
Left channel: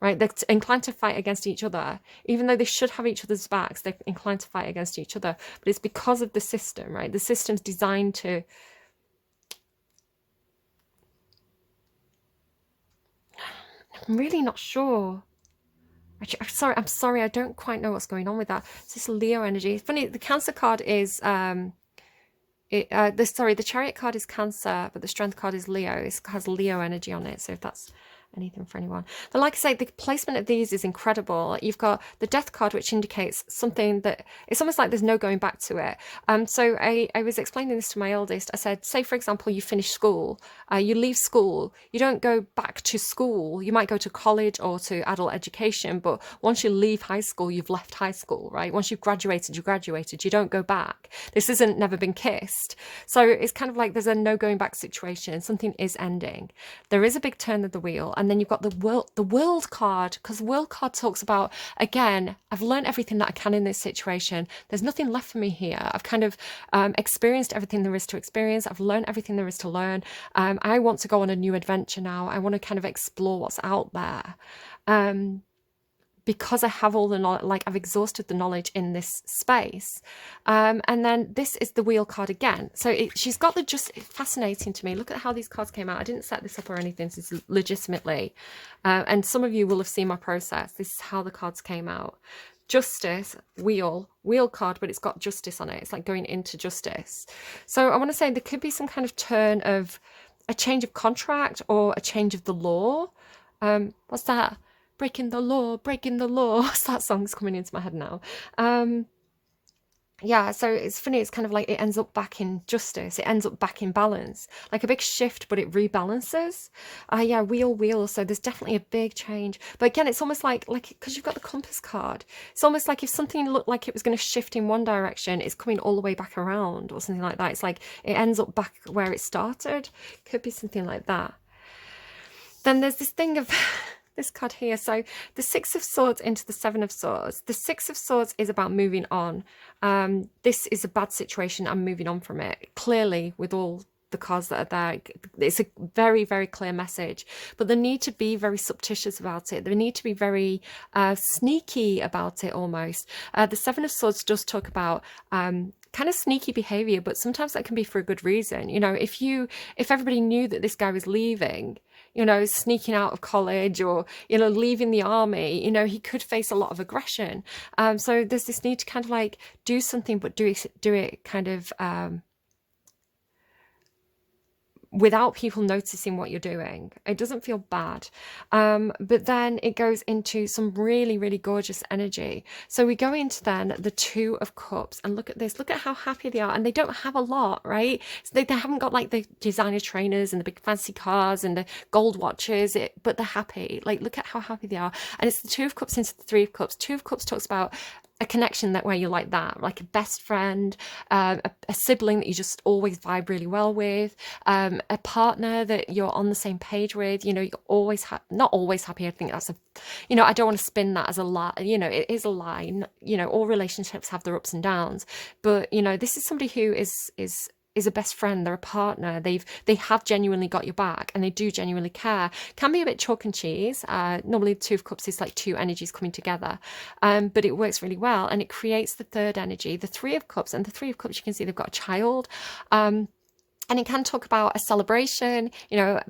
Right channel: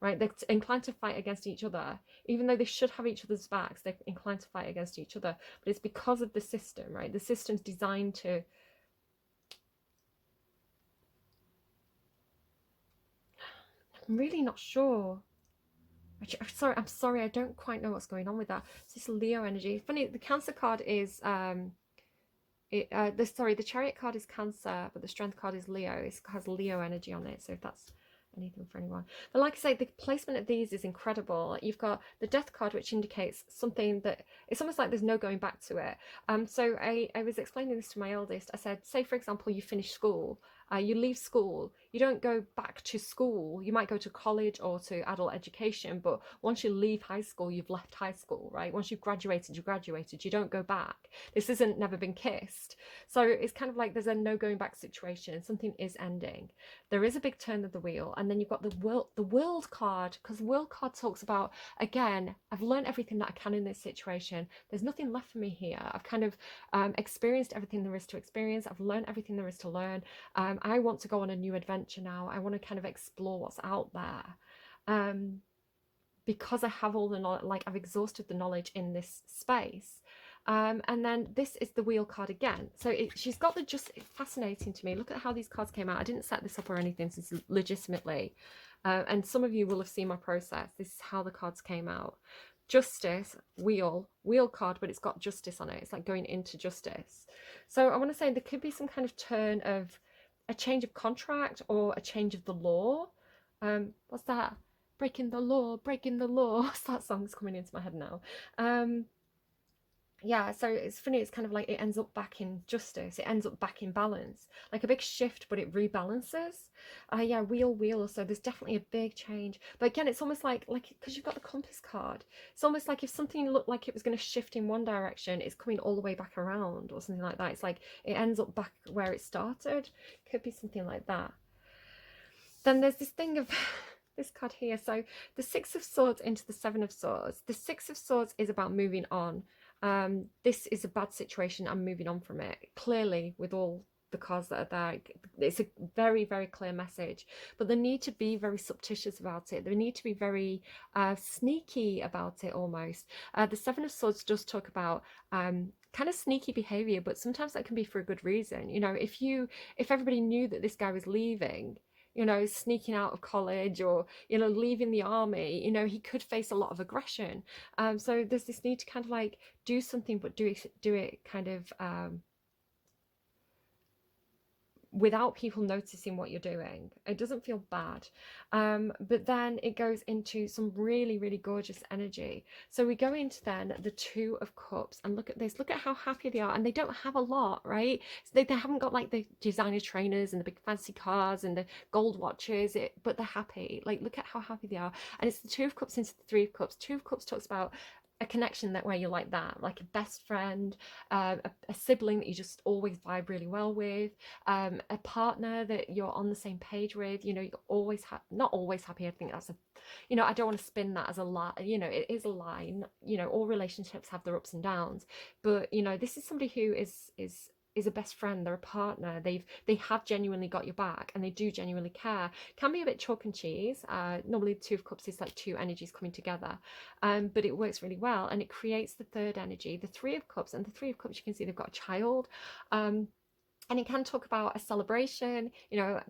right? They're inclined to fight against each other, even though they should have each other's backs. They're inclined to fight against each other, but it's because of the system, right? The system's designed to, I'm really not sure. I'm sorry, I don't quite know what's going on with that. It's this Leo energy. It's funny, the Cancer card is the Chariot card is Cancer, but the Strength card is Leo. It has Leo energy on it, so if that's anything for anyone. But like I say, the placement of these is incredible. You've got the Death card, which indicates something that it's almost like there's no going back to it. So I was explaining this to my eldest. I said, say for example, you finish school, you leave school, you don't go back to school. You might go to college or to adult education, but once you leave high school, you've left high school, right? Once you've graduated, you graduated. You don't go back. This isn't never been kissed. So it's kind of like there's a no going back situation. Something is ending. There is a big turn of the wheel. And then you've got the world card, because the world card talks about, again, I've learned everything that I can in this situation. There's nothing left for me here. I've kind of experienced everything there is to experience. I've learned everything there is to learn. I want to go on a new adventure now. I want to kind of explore what's out there. Because I have all the knowledge, like I've exhausted the knowledge in this space. And then this is the wheel card again. So she's got the just, it's fascinating to me. Look at how these cards came out. I didn't set this up or anything. This is legitimately. And some of you will have seen my process. This is how the cards came out. Justice, wheel card, but it's got justice on it. It's like going into justice. So I want to say there could be some kind of turn of a change of contract or a change of the law. What's that? Breaking the law, breaking the law. That song's coming into my head now. Yeah, so it's funny, it's kind of like it ends up back in justice, it ends up back in balance, like a big shift, but it rebalances. Yeah, wheel, so there's definitely a big change. But again, it's almost like because you've got the compass card, it's almost like if something looked like it was going to shift in one direction, it's coming all the way back around or something like that. It's like it ends up back where it started. Could be something like that. Then there's this thing of this card here. So the Six of Swords into the Seven of Swords. The Six of Swords is about moving on. This is a bad situation. I'm moving on from it. Clearly, with all the cards that are there, it's a very, very clear message. But they need to be very surreptitious about it. They need to be very sneaky about it almost. The Seven of Swords does talk about kind of sneaky behavior, but sometimes that can be for a good reason. You know, if everybody knew that this guy was leaving, you know, sneaking out of college or, you know, leaving the army, you know, he could face a lot of aggression. So there's this need to kind of like do something, but do it kind of without people noticing what you're doing. It doesn't feel bad. But then it goes into some really, really gorgeous energy. So we go into then the Two of Cups, and look at this. Look at how happy they are. And they don't have a lot, right? So they haven't got like the designer trainers and the big fancy cars and the gold watches, but they're happy. Like, look at how happy they are. And it's the Two of Cups into the Three of Cups. Two of Cups talks about a connection that where you're like that, like a best friend, a sibling that you just always vibe really well with, a partner that you're on the same page with. You know, you're always not always happy. I think that's you know, I don't want to spin that as a lie. You know, it is a lie. You know, all relationships have their ups and downs, but you know, this is somebody who is a best friend. They're a partner. They have genuinely got your back, and they do genuinely care. Can be a bit chalk and cheese. Normally the Two of Cups is like two energies coming together, but it works really well, and it creates the third energy, the Three of Cups. And the Three of Cups, you can see they've got a child. And it can talk about a celebration,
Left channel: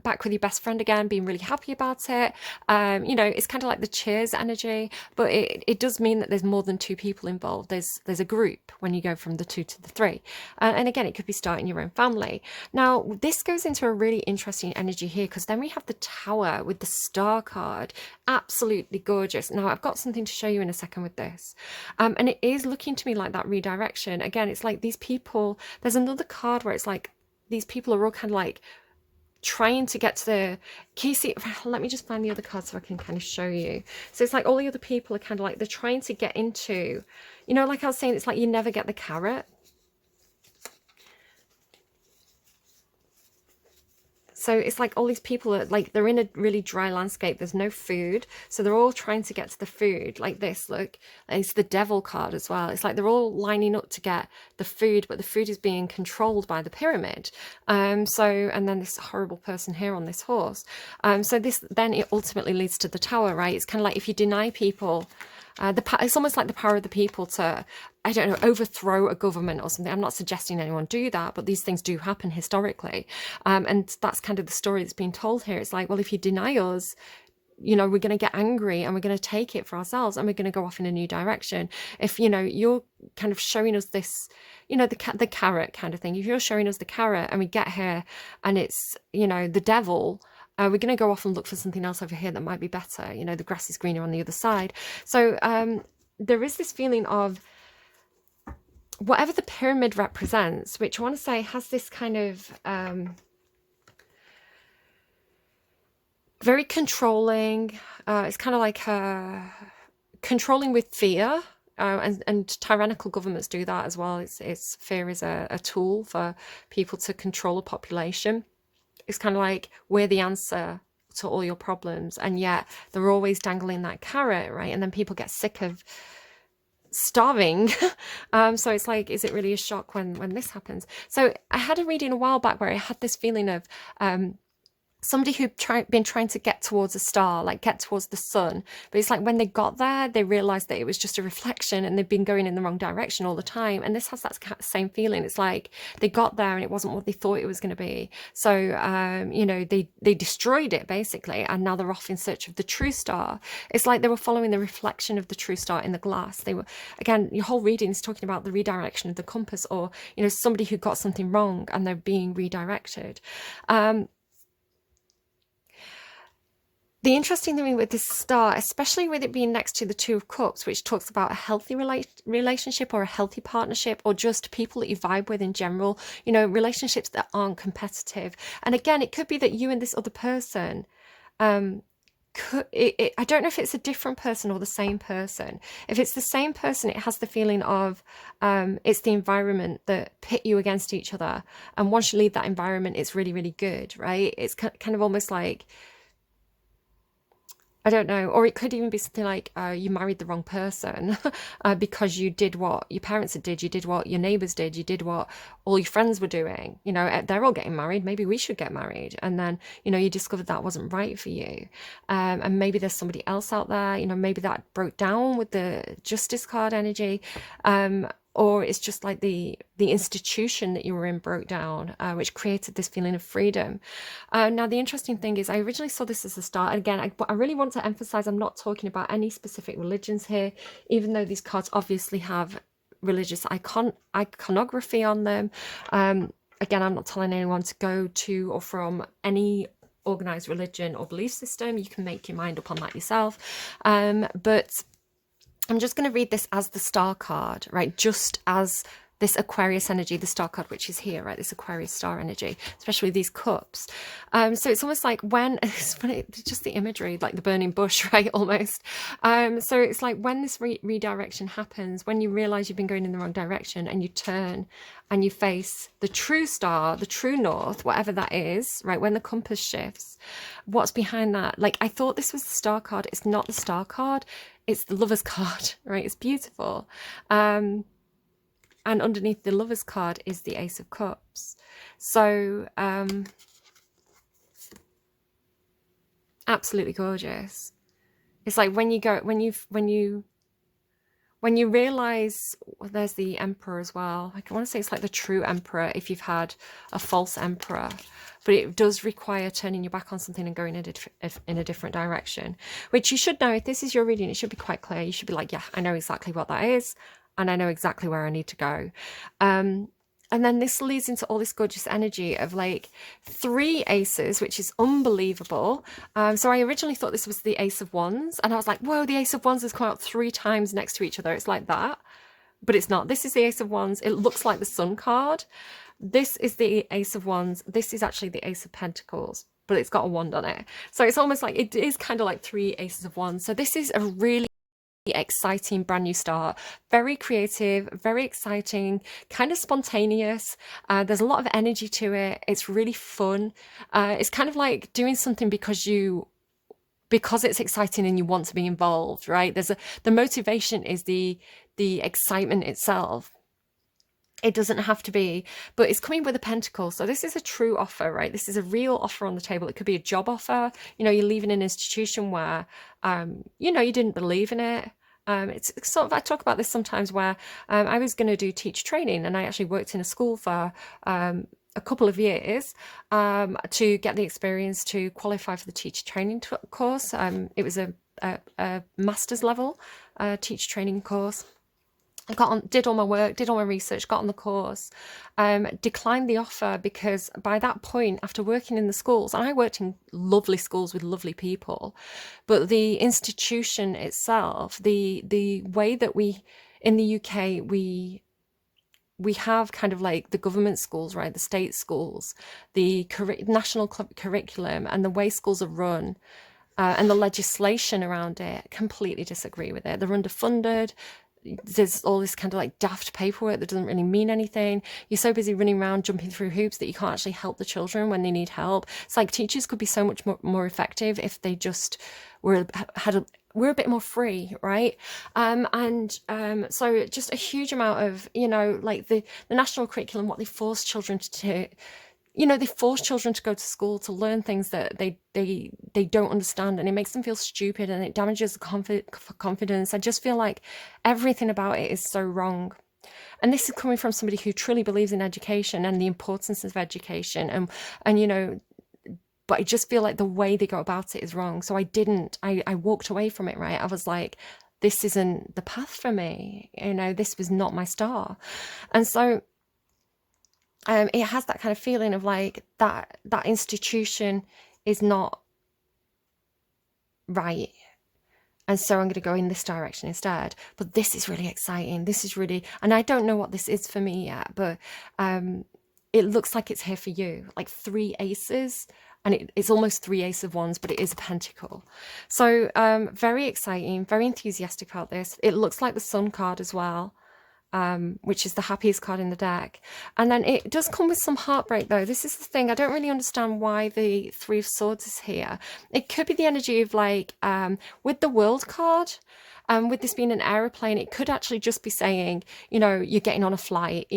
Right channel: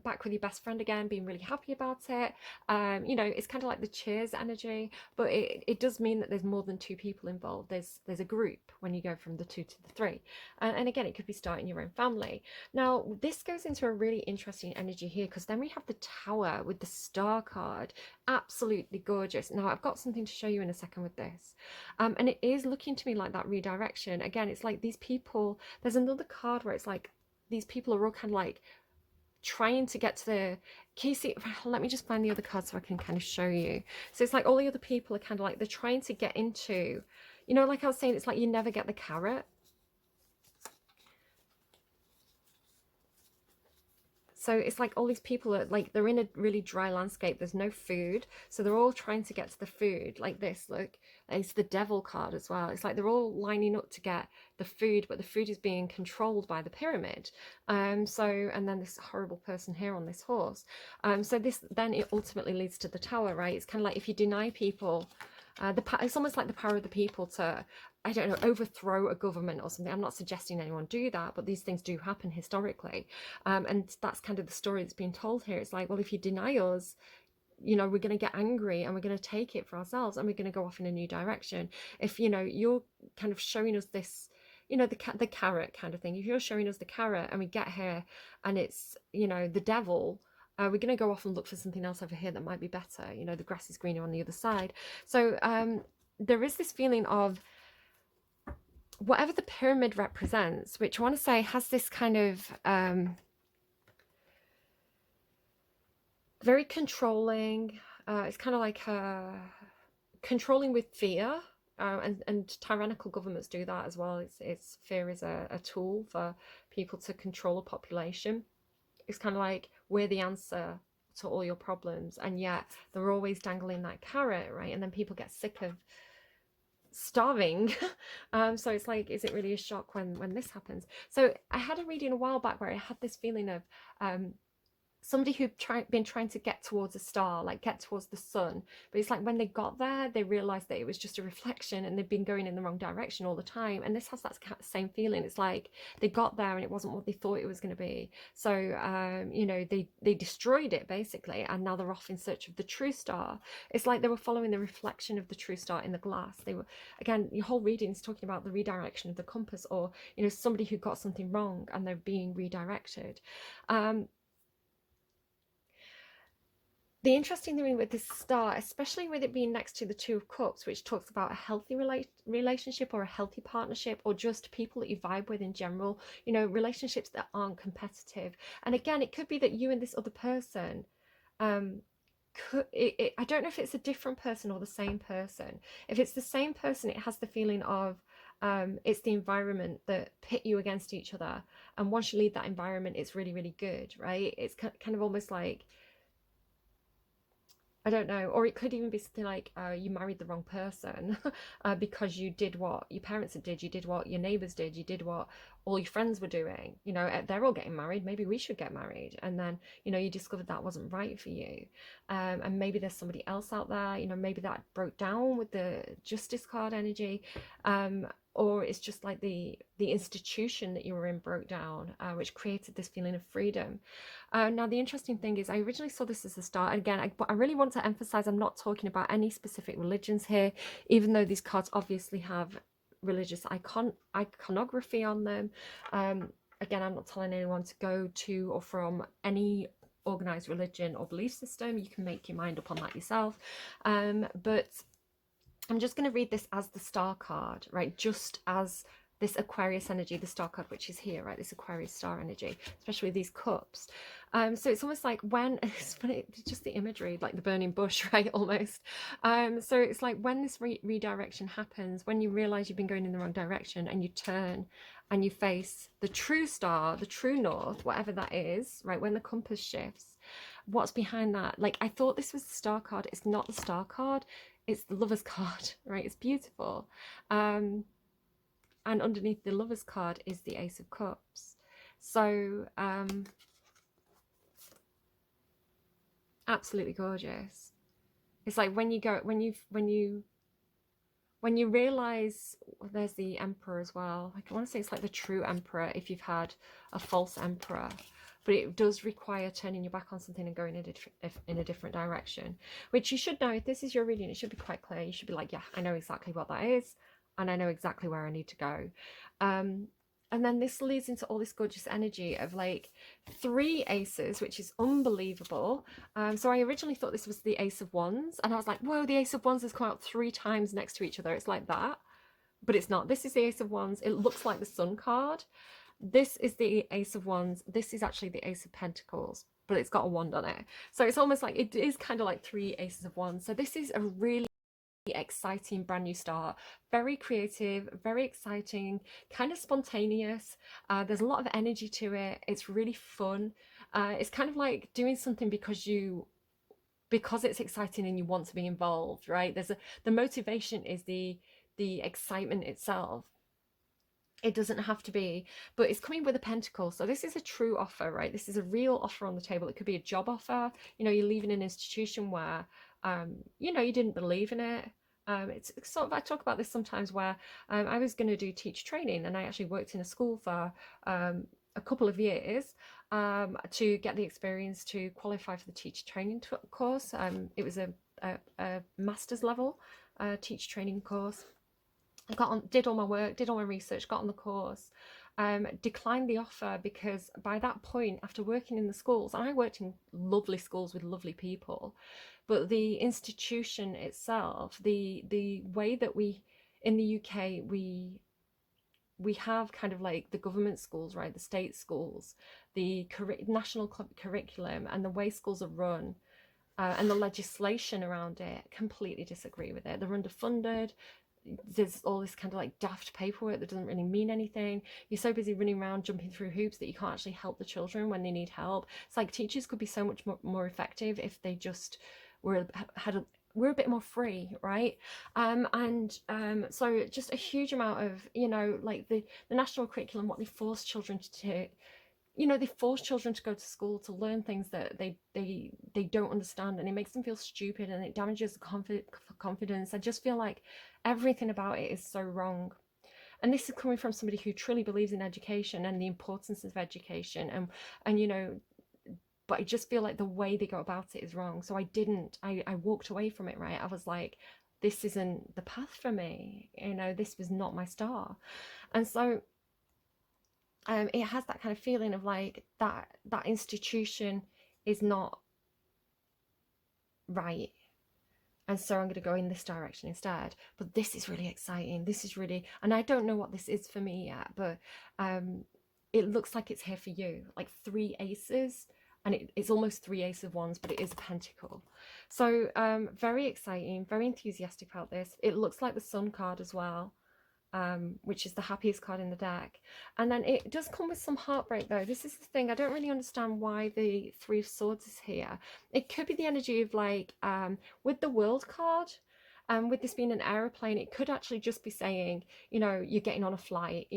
back with your best friend again, being really happy about it. It's kind of like the cheers energy, but it does mean that there's more than two people involved. There's a group when you go from the two to the three. And again, it could be starting your own family. Now, this goes into a really interesting energy here, because then we have the Tower with the Star card. Absolutely gorgeous. Now, I've got something to show you in a second with this. And it is looking to me like that redirection. Again, it's like these people, there's another card where it's like, these people are all kind of like trying to get to the key. See, let me just find the other card so I can kind of show you. So it's like all the other people are kind of like, they're trying to get into, like I was saying, it's like you never get the carrot. So it's like all these people are like, they're in a really dry landscape. There's no food. So they're all trying to get to the food like this. Look, it's the devil card as well. It's like they're all lining up to get the food, but the food is being controlled by the pyramid. And then this horrible person here on this horse. So this, then it ultimately leads to the Tower, right? It's kind of like if you deny people, it's almost like the power of the people to, I don't know, overthrow a government or something. I'm not suggesting anyone do that, but these things do happen historically. And that's kind of the story that's being told here. It's like, well, if you deny us, we're going to get angry and we're going to take it for ourselves and we're going to go off in a new direction. If, you're kind of showing us this, the carrot kind of thing. If you're showing us the carrot and we get here and it's, the devil, we're going to go off and look for something else over here that might be better. The grass is greener on the other side. So there is this feeling of whatever the pyramid represents, which I want to say has this kind of very controlling. It's kind of like controlling with fear. And tyrannical governments do that as well. It's fear is a tool for people to control a population. It's kind of like we're the answer to all your problems, and yet they're always dangling that carrot, right? And then people get sick of starving. So it's like, is it really a shock when this happens? So I had a reading a while back where I had this feeling of somebody who'd been trying to get towards a star, like get towards the sun. But it's like when they got there, they realized that it was just a reflection and they've been going in the wrong direction all the time. And this has that same feeling. It's like they got there and it wasn't what they thought it was going to be. So, they destroyed it basically. And now they're off in search of the true star. It's like they were following the reflection of the true star in the glass. They were, again, your whole reading is talking about the redirection of the compass, or, somebody who got something wrong and they're being redirected. The interesting thing with this star, especially with it being next to the Two of Cups, which talks about a healthy relationship or a healthy partnership, or just people that you vibe with in general, relationships that aren't competitive. And again, it could be that you and this other person, I don't know if it's a different person or the same person. If it's the same person, it has the feeling of it's the environment that pit you against each other. And once you leave that environment, it's really, really good, right? It's kind of almost like, I don't know. Or it could even be something like you married the wrong person because you did what your parents did, you did what your neighbors did, you did what all your friends were doing. They're all getting married. Maybe we should get married. And then, you discovered that wasn't right for you. And maybe there's somebody else out there, maybe that broke down with the Justice card energy. Or it's just like the institution that you were in broke down, which created this feeling of freedom. Now, the interesting thing is I originally saw this as a start. And again, I really want to emphasize I'm not talking about any specific religions here, even though these cards obviously have religious iconography on them. Again, I'm not telling anyone to go to or from any organized religion or belief system. You can make your mind up on that yourself. But I'm just going to read this as the star card, right? Just as this Aquarius energy, the star card, which is here, right? This Aquarius star energy, especially with these cups. So it's almost like when, it's funny, just the imagery, like the burning bush, right? Almost. So it's like when this redirection happens, when you realize you've been going in the wrong direction and you turn and you face the true star, the true north, whatever that is, right? When the compass shifts, what's behind that? Like, I thought this was the star card. It's not the star card. It's the Lover's card, right? It's beautiful. And underneath the Lover's card is the Ace of Cups. So, absolutely gorgeous. It's like when you when you realize, well, there's the emperor as well. I want to say it's like the true emperor if you've had a false emperor, but it does require turning your back on something and going in a different direction, which you should know. If this is your reading, it should be quite clear. You should be like, yeah, I know exactly what that is, and I know exactly where I need to go. And then this leads into all this gorgeous energy of like 3 aces, which is unbelievable. So I originally thought this was the Ace of Wands, and I was like, whoa, the Ace of Wands has come out 3 times next to each other. It's like that, but it's not. This is the Ace of Wands. It looks like the Sun card. This is the Ace of Wands. This is actually the Ace of Pentacles, but it's got a wand on it. So it's almost like it is kind of like 3 aces of wands. So this is a really exciting brand new start, very creative, very exciting, kind of spontaneous. There's a lot of energy to it. It's really fun. It's kind of like doing something because it's exciting and you want to be involved, right? The motivation is the excitement itself. It doesn't have to be, but it's coming with a pentacle. So this is a true offer, right? This is a real offer on the table. It could be a job offer. You're leaving an institution where, you didn't believe in it. It's sort of, I talk about this sometimes where I was going to do teacher training, and I actually worked in a school for a couple of years to get the experience to qualify for the teacher training course. It was a master's level teacher training course. I got on, did all my work, did all my research, got on the course, declined the offer because by that point, after working in the schools, and I worked in lovely schools with lovely people, but the institution itself, the way that we in the UK we have kind of like the government schools, right, the state schools, the national curriculum, and the way schools are run. And the legislation around it, completely disagree with it. They're underfunded. There's all this kind of like daft paperwork that doesn't really mean anything. You're so busy running around jumping through hoops that you can't actually help the children when they need help. It's like teachers could be so much more effective if they just were a bit more free, right? So just a huge amount of like the national curriculum, what they force children to they force children to go to school to learn things that they don't understand, and it makes them feel stupid, and it damages the confidence. I just feel like everything about it is so wrong. And this is coming from somebody who truly believes in education and the importance of education, and but I just feel like the way they go about it is wrong. So I walked away from it, right? I was like, this isn't the path for me. This was not my star. And so it has that kind of feeling of like that institution is not right, and so I'm going to go in this direction instead. But this is really exciting. This is really, and I don't know what this is for me yet, but it looks like it's here for you, like 3 aces, and it's almost 3 aces of wands, but it is a pentacle. So very exciting, very enthusiastic about this. It looks like the Sun card as well, which is the happiest card in the deck. And then it does come with some heartbreak, though. This is the thing. I don't really understand why the 3 of Swords is here. It could be the energy of like, with the World card, with this being an aeroplane, it could actually just be saying, you're getting on a flight,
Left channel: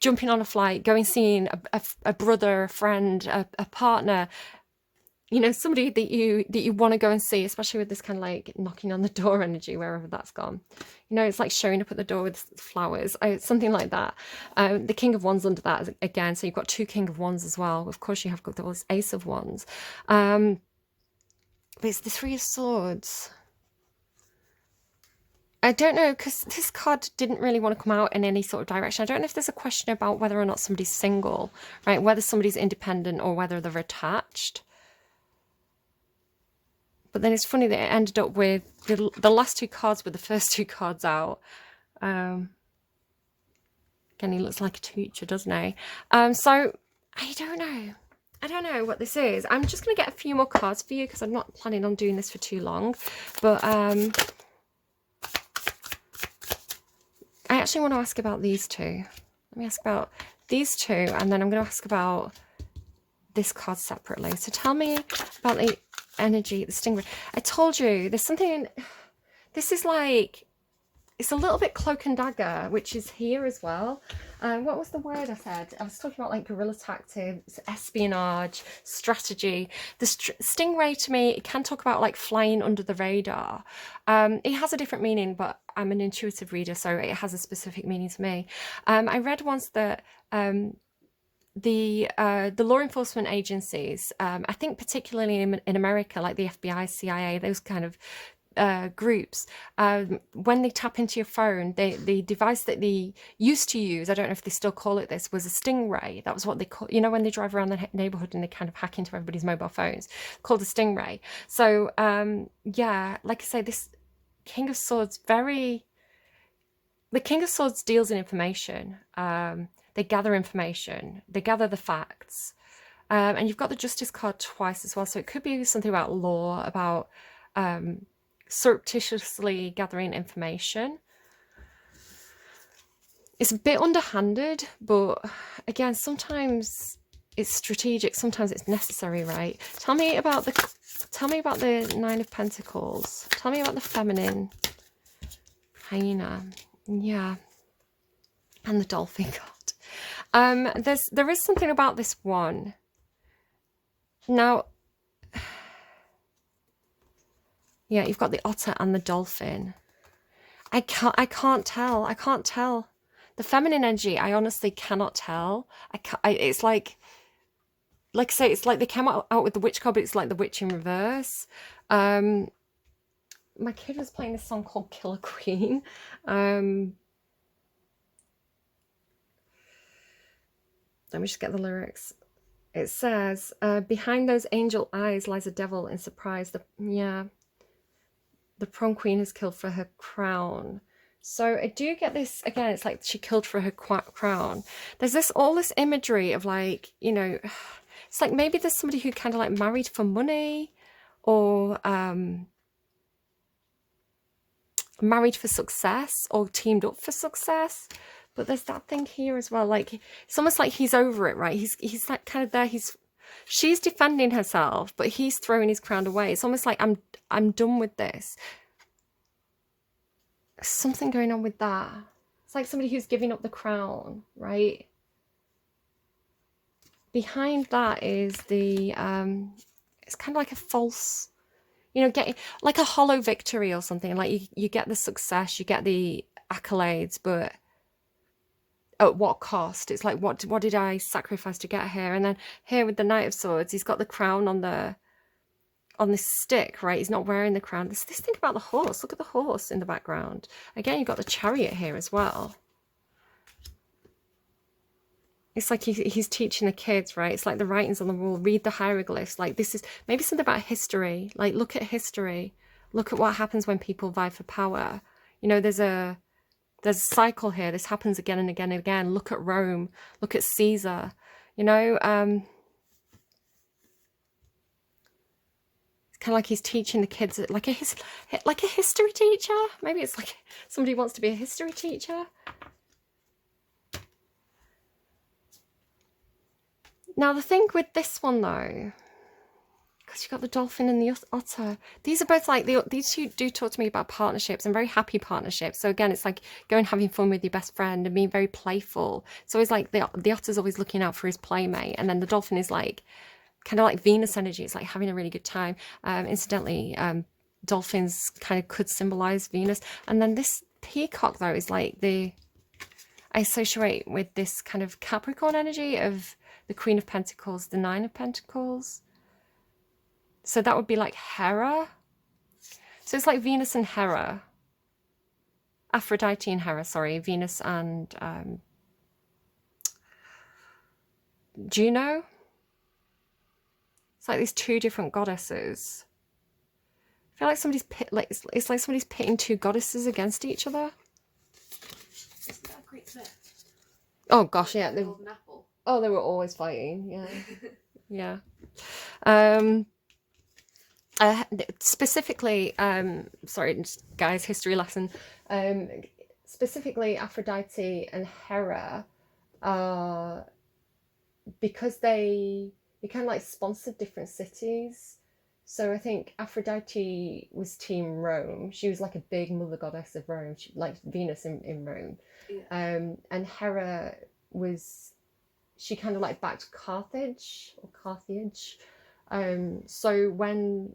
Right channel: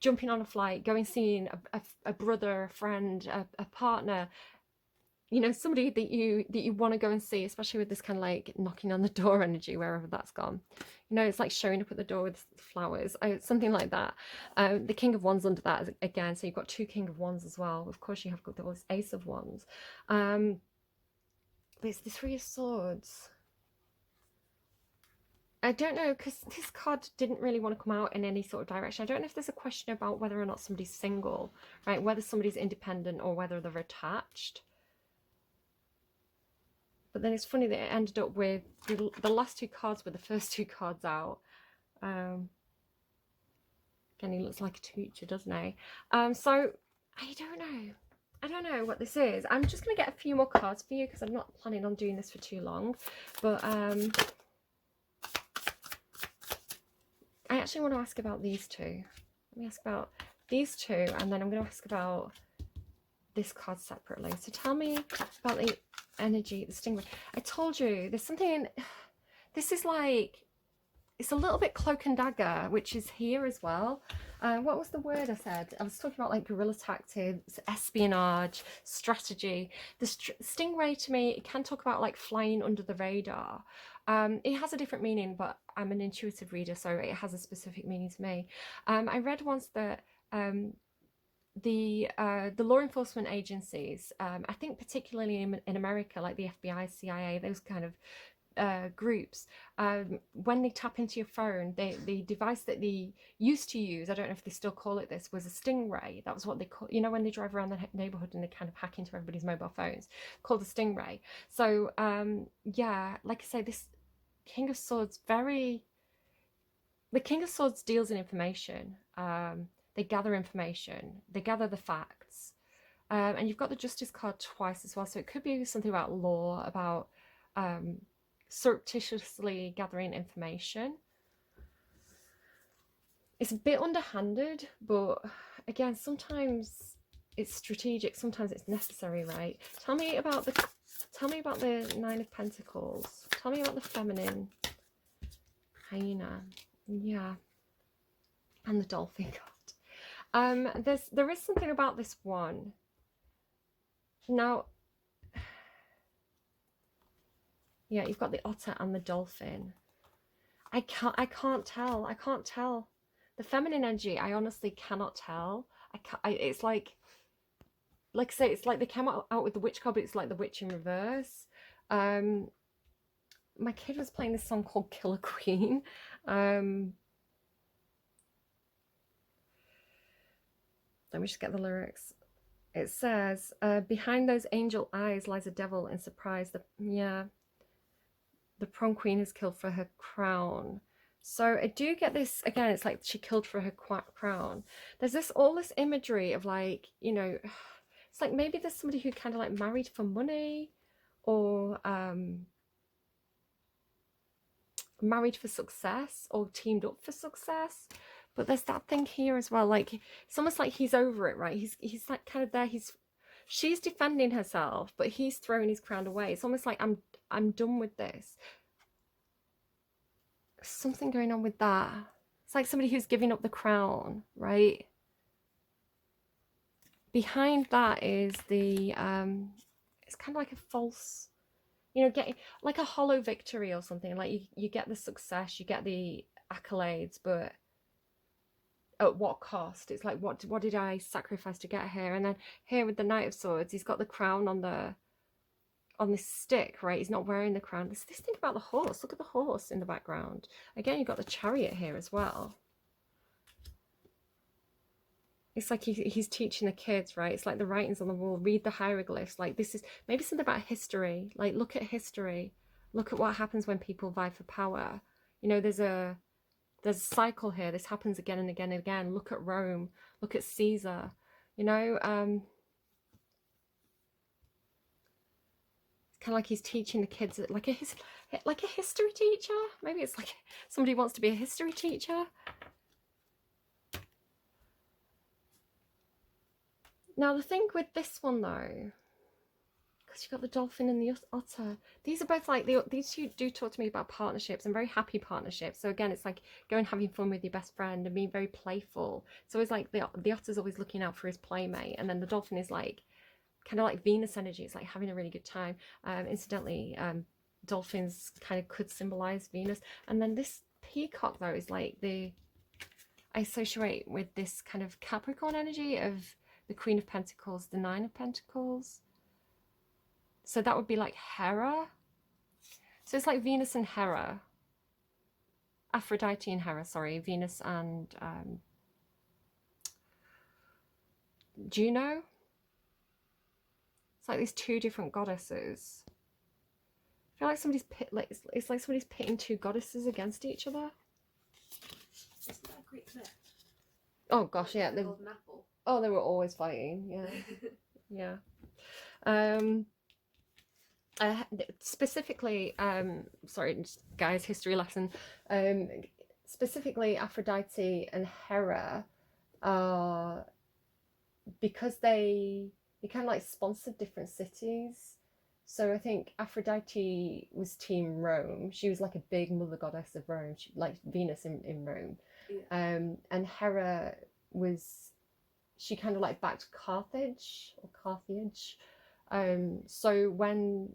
jumping on a flight, going seeing a brother, a friend, a partner, somebody that you want to go and see, especially with this kind of like knocking on the door energy, wherever that's gone. It's like showing up at the door with flowers, something like that. The King of Wands under that again, so you've got 2 King of Wands as well. Of course, you have got the Ace of Wands, but it's the 3 of Swords. I don't know, because this card didn't really want to come out in any sort of direction. I don't know if there's a question about whether or not somebody's single, right? Whether somebody's independent or whether they're attached. But then it's funny that it ended up with the last 2 cards were the first 2 cards out. Again, he looks like a teacher, doesn't he? So I don't know. I don't know what this is. I'm just going to get a few more cards for you because I'm not planning on doing this for too long. But I actually want to ask about these 2. Let me ask about these 2, and then I'm going to ask about this card separately. So tell me about the energy, the stingray. I told you there's something. This is like it's a little bit cloak and dagger, which is here as well. What was the word I said? I was talking about like guerrilla tactics, espionage, strategy. The stingray to me, it can talk about like flying under the radar. It has a different meaning, but I'm an intuitive reader, so it has a specific meaning to me. I read once that the law enforcement agencies, I think particularly in America, like the FBI, CIA, those kind of groups, when they tap into your phone, the device that they used to use, I don't know if they still call it this, was a stingray. That was what they call, you know, when they drive around the neighborhood and they kind of hack into everybody's mobile phones, called a stingray. So yeah, like I say, this King of Swords, the King of Swords deals in information. They gather information, they gather the facts. And you've got the Justice card twice as well, so it could be something about law, about surreptitiously gathering information. It's a bit underhanded, but again, sometimes it's strategic, sometimes it's necessary, right? Tell me about the Nine of Pentacles. Tell me about the feminine hyena. Yeah. And the dolphin card. There is something about this one. Now, yeah, you've got the otter and the dolphin. I can't tell. The feminine energy, I honestly cannot tell. It's like I say, it's like they came out with the witch card, but it's like the witch in reverse. My kid was playing this song called Killer Queen. Let me just get the lyrics. It says, behind those angel eyes lies a devil in surprise. The prom queen is killed for her crown. So I do get this, again, it's like she killed for her crown. There's all this imagery of like, you know, it's like maybe there's somebody who kind of like married for money, or married for success, or teamed up for success. But there's that thing here as well, like it's almost like he's over it, right? He's like kind of there, she's defending herself, but he's throwing his crown away. It's almost like I'm done with this. Something going on with that. It's like somebody who's giving up the crown, right? Behind that is the it's kind of like a false, you know, getting like a hollow victory or something. Like you get the success, you get the accolades, but at what cost? It's like, what did I sacrifice to get here? And then here with the Knight of Swords, he's got the crown on this stick, right? He's not wearing the crown. This thing about the horse. Look at the horse in the background. Again, you've got the chariot here as well. It's like he's teaching the kids, right? It's like the writings on the wall. Read the hieroglyphs. Like this is maybe something about history. Like look at history. Look at what happens when people vie for power. You know, there's a cycle here. This happens again and again and again. Look at Rome. Look at Caesar. You know, it's kind of like he's teaching the kids, like a history teacher. Maybe it's like somebody wants to be a history teacher. Now the thing with this one though, because you've got the dolphin and the otter, these are both like, these two do talk to me about partnerships and very happy partnerships. So again, it's like going having fun with your best friend and being very playful. So it's like the otter's always looking out for his playmate, and then the dolphin is like kind of like Venus energy. It's like having a really good time. Incidentally, dolphins kind of could symbolize Venus. And then this peacock though is like I associate with this kind of Capricorn energy of the Queen of Pentacles, the Nine of Pentacles. So that would be like Hera. So it's like Venus and Hera. Aphrodite and Hera, sorry. Venus and Juno. It's like these two different goddesses. I feel like somebody's it's like somebody's pitting two goddesses against each other. Isn't that a great clip? Oh gosh, yeah. They hold an apple. Oh, they were always fighting. Yeah, yeah. Specifically, sorry, guys, history lesson. Specifically, Aphrodite and Hera, because they kind of like sponsored different cities. So I think Aphrodite was team Rome. She was like a big mother goddess of Rome, like Venus in Rome. Yeah. And Hera was, she kind of like backed Carthage or Carthage. So when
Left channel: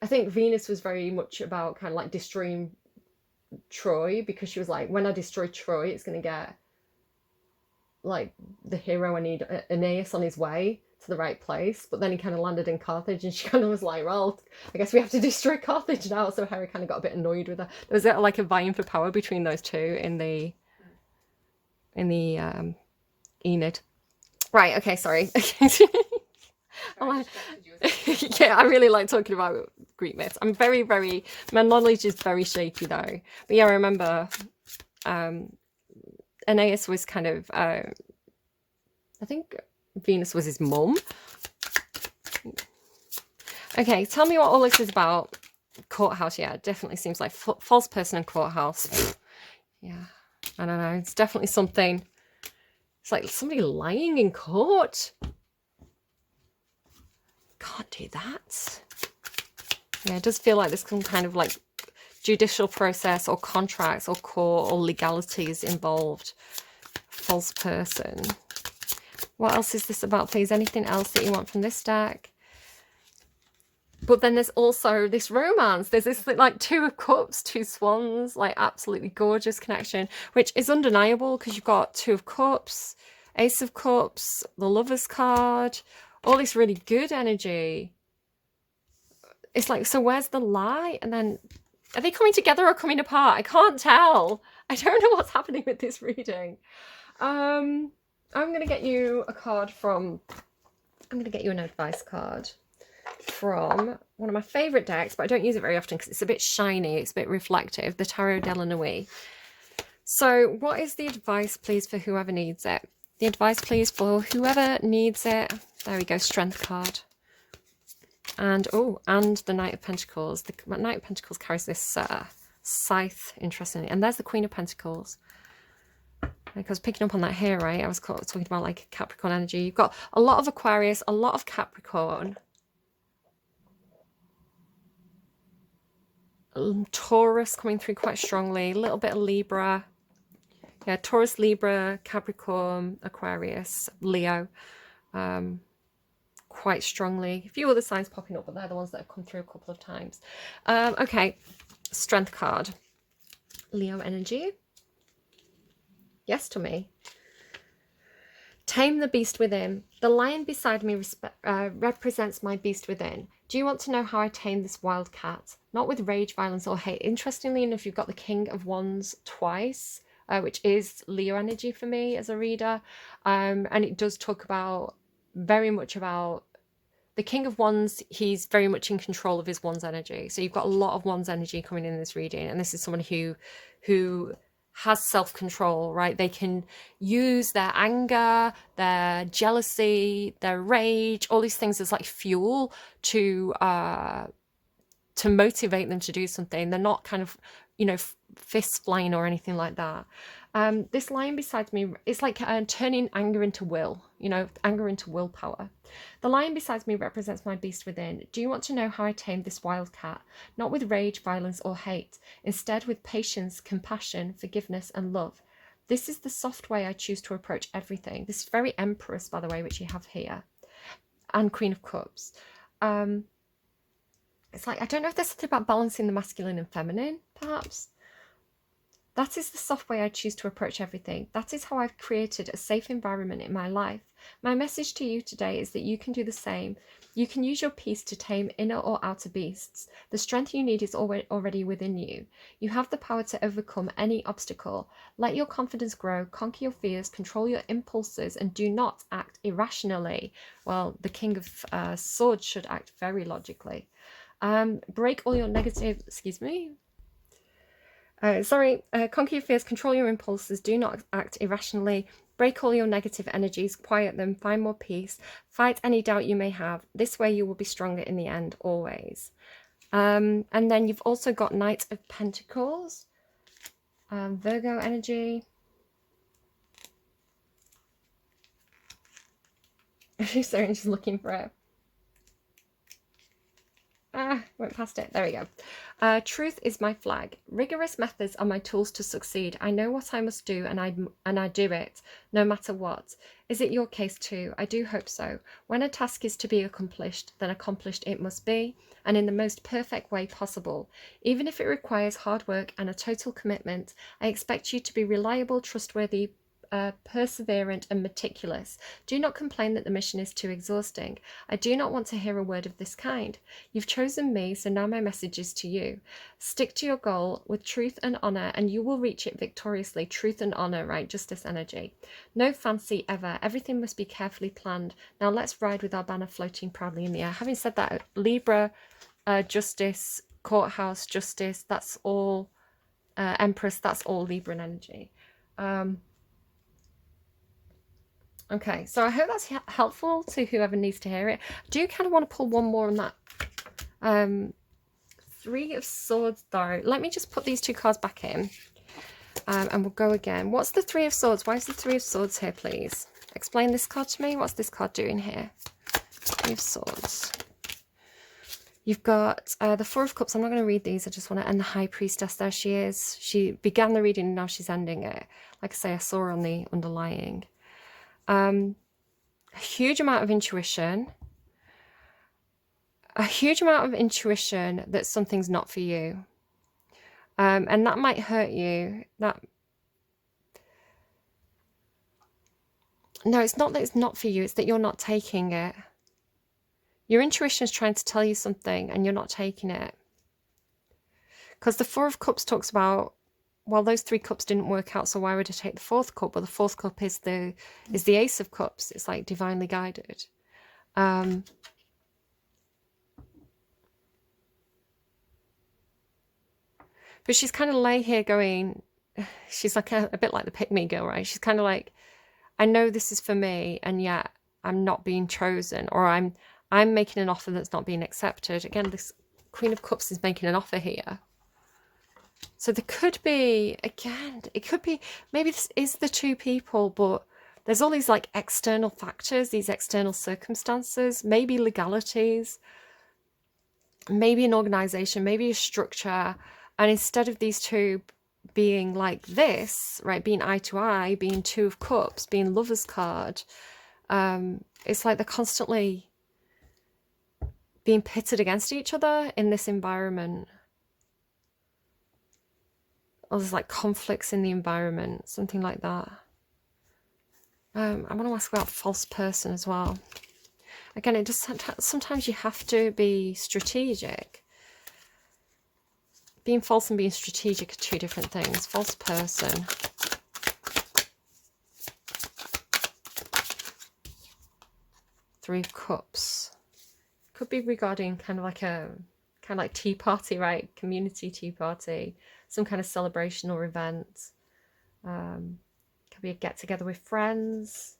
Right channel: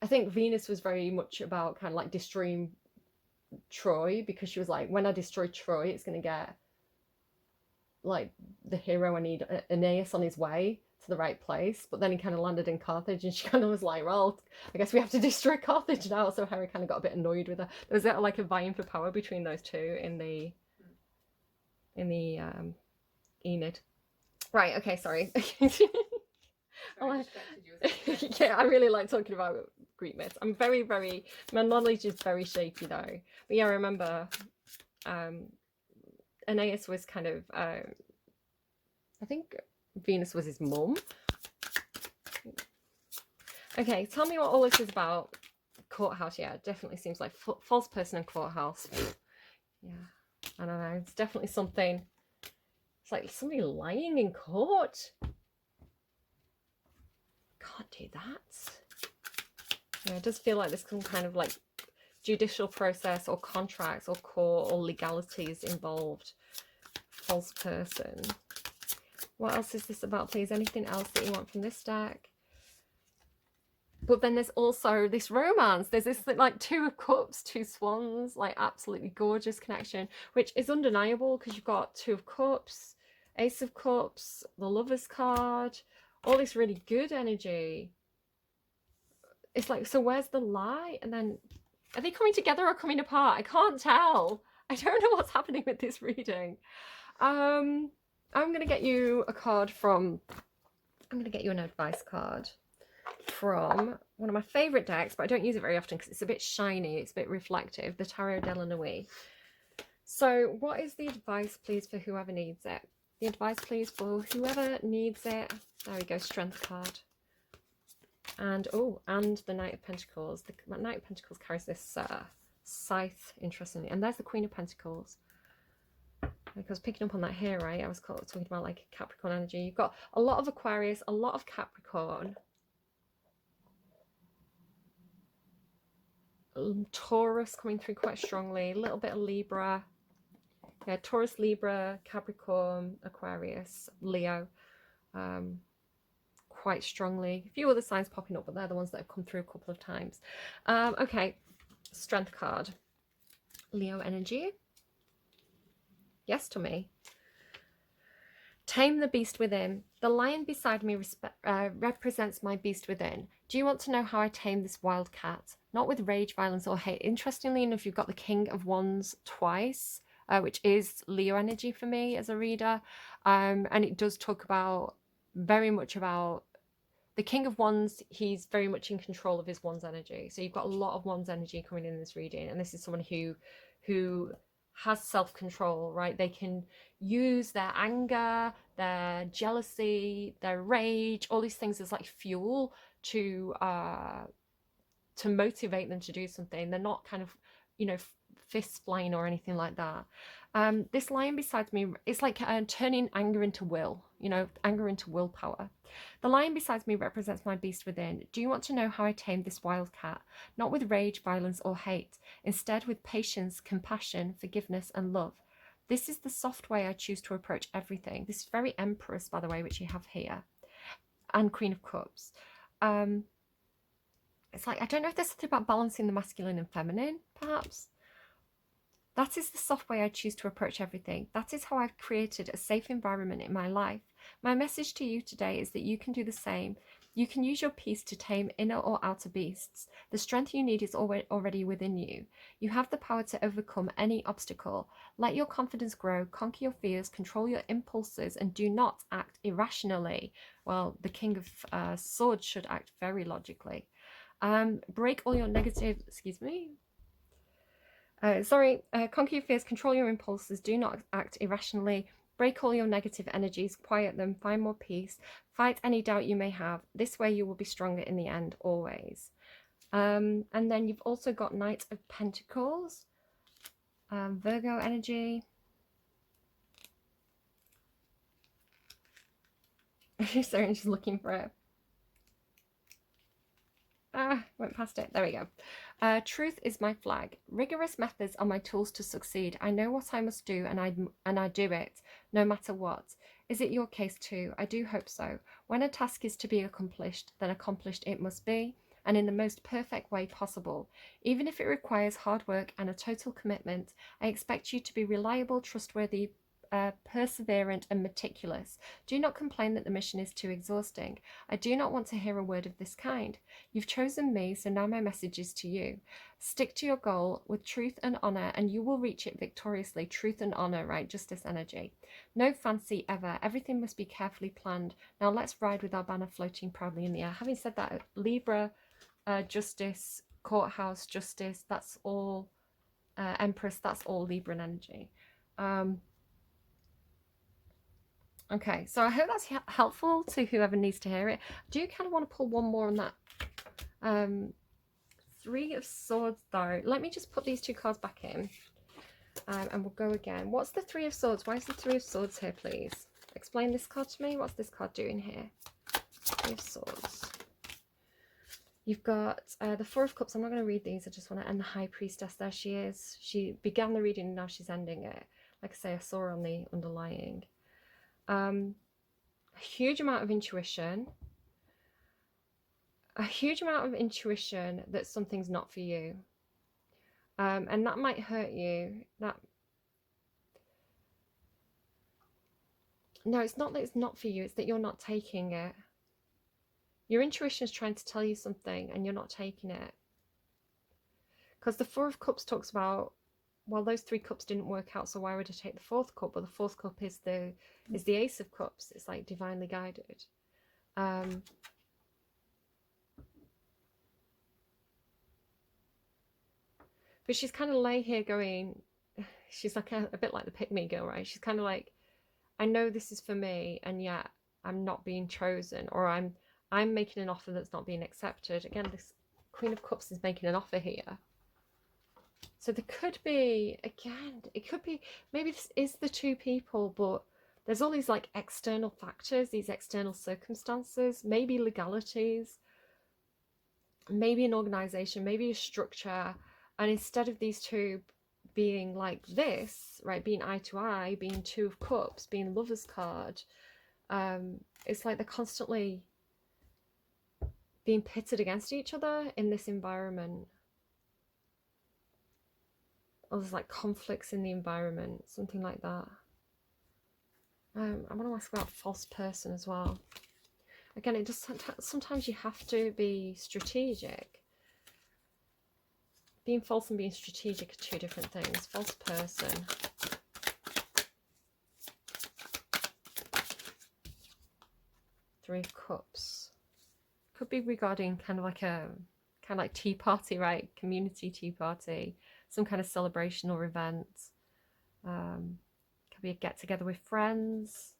I think Venus was very much about kind of like destroying Troy, because she was like, when I destroy Troy, it's going to get like the hero I need, Aeneas, on his way to the right place. But then he kind of landed in Carthage, and she kind of was like, well, I guess we have to destroy Carthage now. So Hera kind of got a bit annoyed with her. There was like a vying for power between those two in the Aeneid. Right. Okay. Sorry. Sorry, Yeah, I really like talking about Greek myths. I'm very, very, my knowledge is very shaky though. But yeah, I remember Aeneas was kind of, I think Venus was his mum. Okay, tell me what all this is about. Courthouse, yeah, it definitely seems like false person in courthouse. Yeah, I don't know. It's definitely something. It's like somebody lying in court. Can't do that. Yeah, it does feel like there's some kind of like judicial process or contracts or court or legalities involved. False person. What else is this about, please? Anything else that you want from this deck? But then there's also this romance. There's this like Two of Cups, two swans, like absolutely gorgeous connection, which is undeniable because you've got Two of Cups, Ace of Cups, the Lover's card, all this really good energy. It's like, so where's the lie? And then are they coming together or coming apart? I can't tell. I don't know what's happening with this reading. I'm going to get you a card from, I'm going to get you an advice card from one of my favourite decks, but I don't use it very often because it's a bit shiny, it's a bit reflective, the Tarot de la Nuit. So what is the advice, please, for whoever needs it? The advice, please, for whoever needs it. There we go, Strength card. And, oh, and the Knight of Pentacles. The Knight of Pentacles carries this scythe, interestingly. And there's the Queen of Pentacles. Like I was picking up on that here, right? I was talking about like Capricorn energy. You've got a lot of Aquarius, a lot of Capricorn. Taurus coming through quite strongly, a little bit of Libra. Yeah, Taurus, Libra, Capricorn, Aquarius, Leo, quite strongly. A few other signs popping up, but they're the ones that have come through a couple of times. Okay, Strength card. Leo energy. Yes to me. Tame the beast within. The lion beside me represents my beast within. Do you want to know how I tame this wild cat? Not with rage, violence, or hate. Interestingly enough, you've got the King of Wands twice, which is Leo energy for me as a reader. And it does talk about, very much about, the King of Wands. He's very much in control of his Wands energy. So you've got a lot of Wands energy coming in this reading. And this is someone who has self-control, right? They can use their anger, their jealousy, their rage, all these things as like fuel to motivate them to do something. They're not kind of, you know, fists flying or anything like that. This lion beside me, it's like turning anger into will, you know, anger into willpower. The lion beside me represents my beast within. Do you want to know how I tamed this wild cat? Not with rage, violence, or hate. Instead, with patience, compassion, forgiveness, and love. This is the soft way I choose to approach everything. This is very Empress, by the way, which you have here. And Queen of Cups. It's like, I don't know if there's something about balancing the masculine and feminine, perhaps. That is the soft way I choose to approach everything. That is how I've created a safe environment in my life. My message to you today is that you can do the same. You can use your peace to tame inner or outer beasts. The strength you need is already within you. You have the power to overcome any obstacle. Let your confidence grow, conquer your fears, control your impulses, and do not act irrationally. Well, the King of Swords should act very logically. Break all your negative, conquer your fears, control your impulses, do not act irrationally, break all your negative energies, quiet them, find more peace, fight any doubt you may have. This way you will be stronger in the end, always. And then you've also got Knight of Pentacles, Virgo energy. Sorry, I'm just looking for it. Went past it. There we go. Truth is my flag. Rigorous methods are my tools to succeed. I know what I must do, and I do it, no matter what. Is it your case too? I do hope so. When a task is to be accomplished, then accomplished it must be, and in the most perfect way possible. Even if it requires hard work and a total commitment, I expect you to be reliable, trustworthy, perseverant and meticulous. Do not complain that the mission is too exhausting. I do not want to hear a word of this kind. You've chosen me, so now my message is to you. Stick to your goal with truth and honour, and you will reach it victoriously. Truth and honour, right? Justice energy. No fancy ever. Everything must be carefully planned. Now let's ride with our banner floating proudly in the air. Having said that, Libra, justice, courthouse, justice, that's all, Empress, that's all Libran energy. Okay, so I hope that's helpful to whoever needs to hear it. I do kind of want to pull one more on that. Three of Swords, though. Let me just put these two cards back in. And we'll go again. What's the Three of Swords? Why is the Three of Swords here, please? Explain this card to me. What's this card doing here? Three of Swords. You've got the Four of Cups. I'm not going to read these. I just want to end the High Priestess. There she is. She began the reading and now she's ending it. Like I say, I saw her on the underlying. A huge amount of intuition. A huge amount of intuition that something's not for you. And that might hurt you. No, it's not that it's not for you. It's that you're not taking it. Your intuition is trying to tell you something and you're not taking it. Because the Four of Cups talks about, well, those three cups didn't work out, so why would I take the fourth cup? Well, the fourth cup is the Ace of Cups. It's like divinely guided. But she's kind of lay here going, she's like a bit like the pick-me girl, right? She's kind of like, I know this is for me, and yet I'm not being chosen, or I'm making an offer that's not being accepted. Again, this Queen of Cups is making an offer here. So there could be, again, it could be, maybe this is the two people, but there's all these like external factors, these external circumstances, maybe legalities, maybe an organization, maybe a structure. And instead of these two being like this, right, being eye to eye, being Two of Cups, being Lover's card, it's like they're constantly being pitted against each other in this environment. Or there's like conflicts in the environment, something like that. I want to ask about false person as well. Again, it just sometimes you have to be strategic. Being false and being strategic are two different things. False person. Three of Cups. Could be regarding kind of like tea party, right? Community tea party. Some kind of celebration or event. Could be a get together with friends.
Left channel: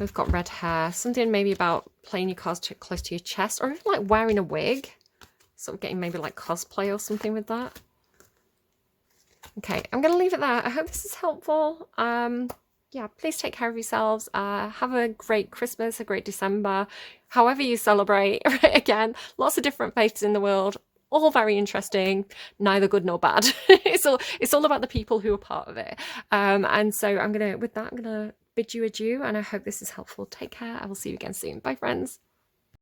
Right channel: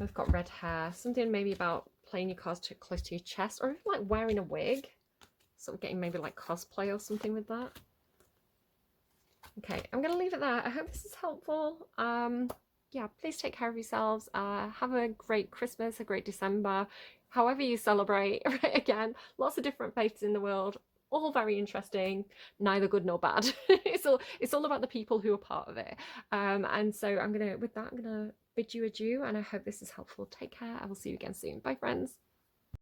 We've got red hair. Something maybe about playing your cards too close to your chest, or even like wearing a wig. Sort of getting maybe like cosplay or something with that. Okay, I'm going to leave it there. I hope this is helpful. Yeah, please take care of yourselves. Have a great Christmas, a great December, however you celebrate. Again, lots of different faiths in the world, all very interesting, neither good nor bad. It's all about the people who are part of it. And so with that, I'm gonna bid you adieu, and I hope this is helpful. Take care. I will see you again soon. Bye, friends.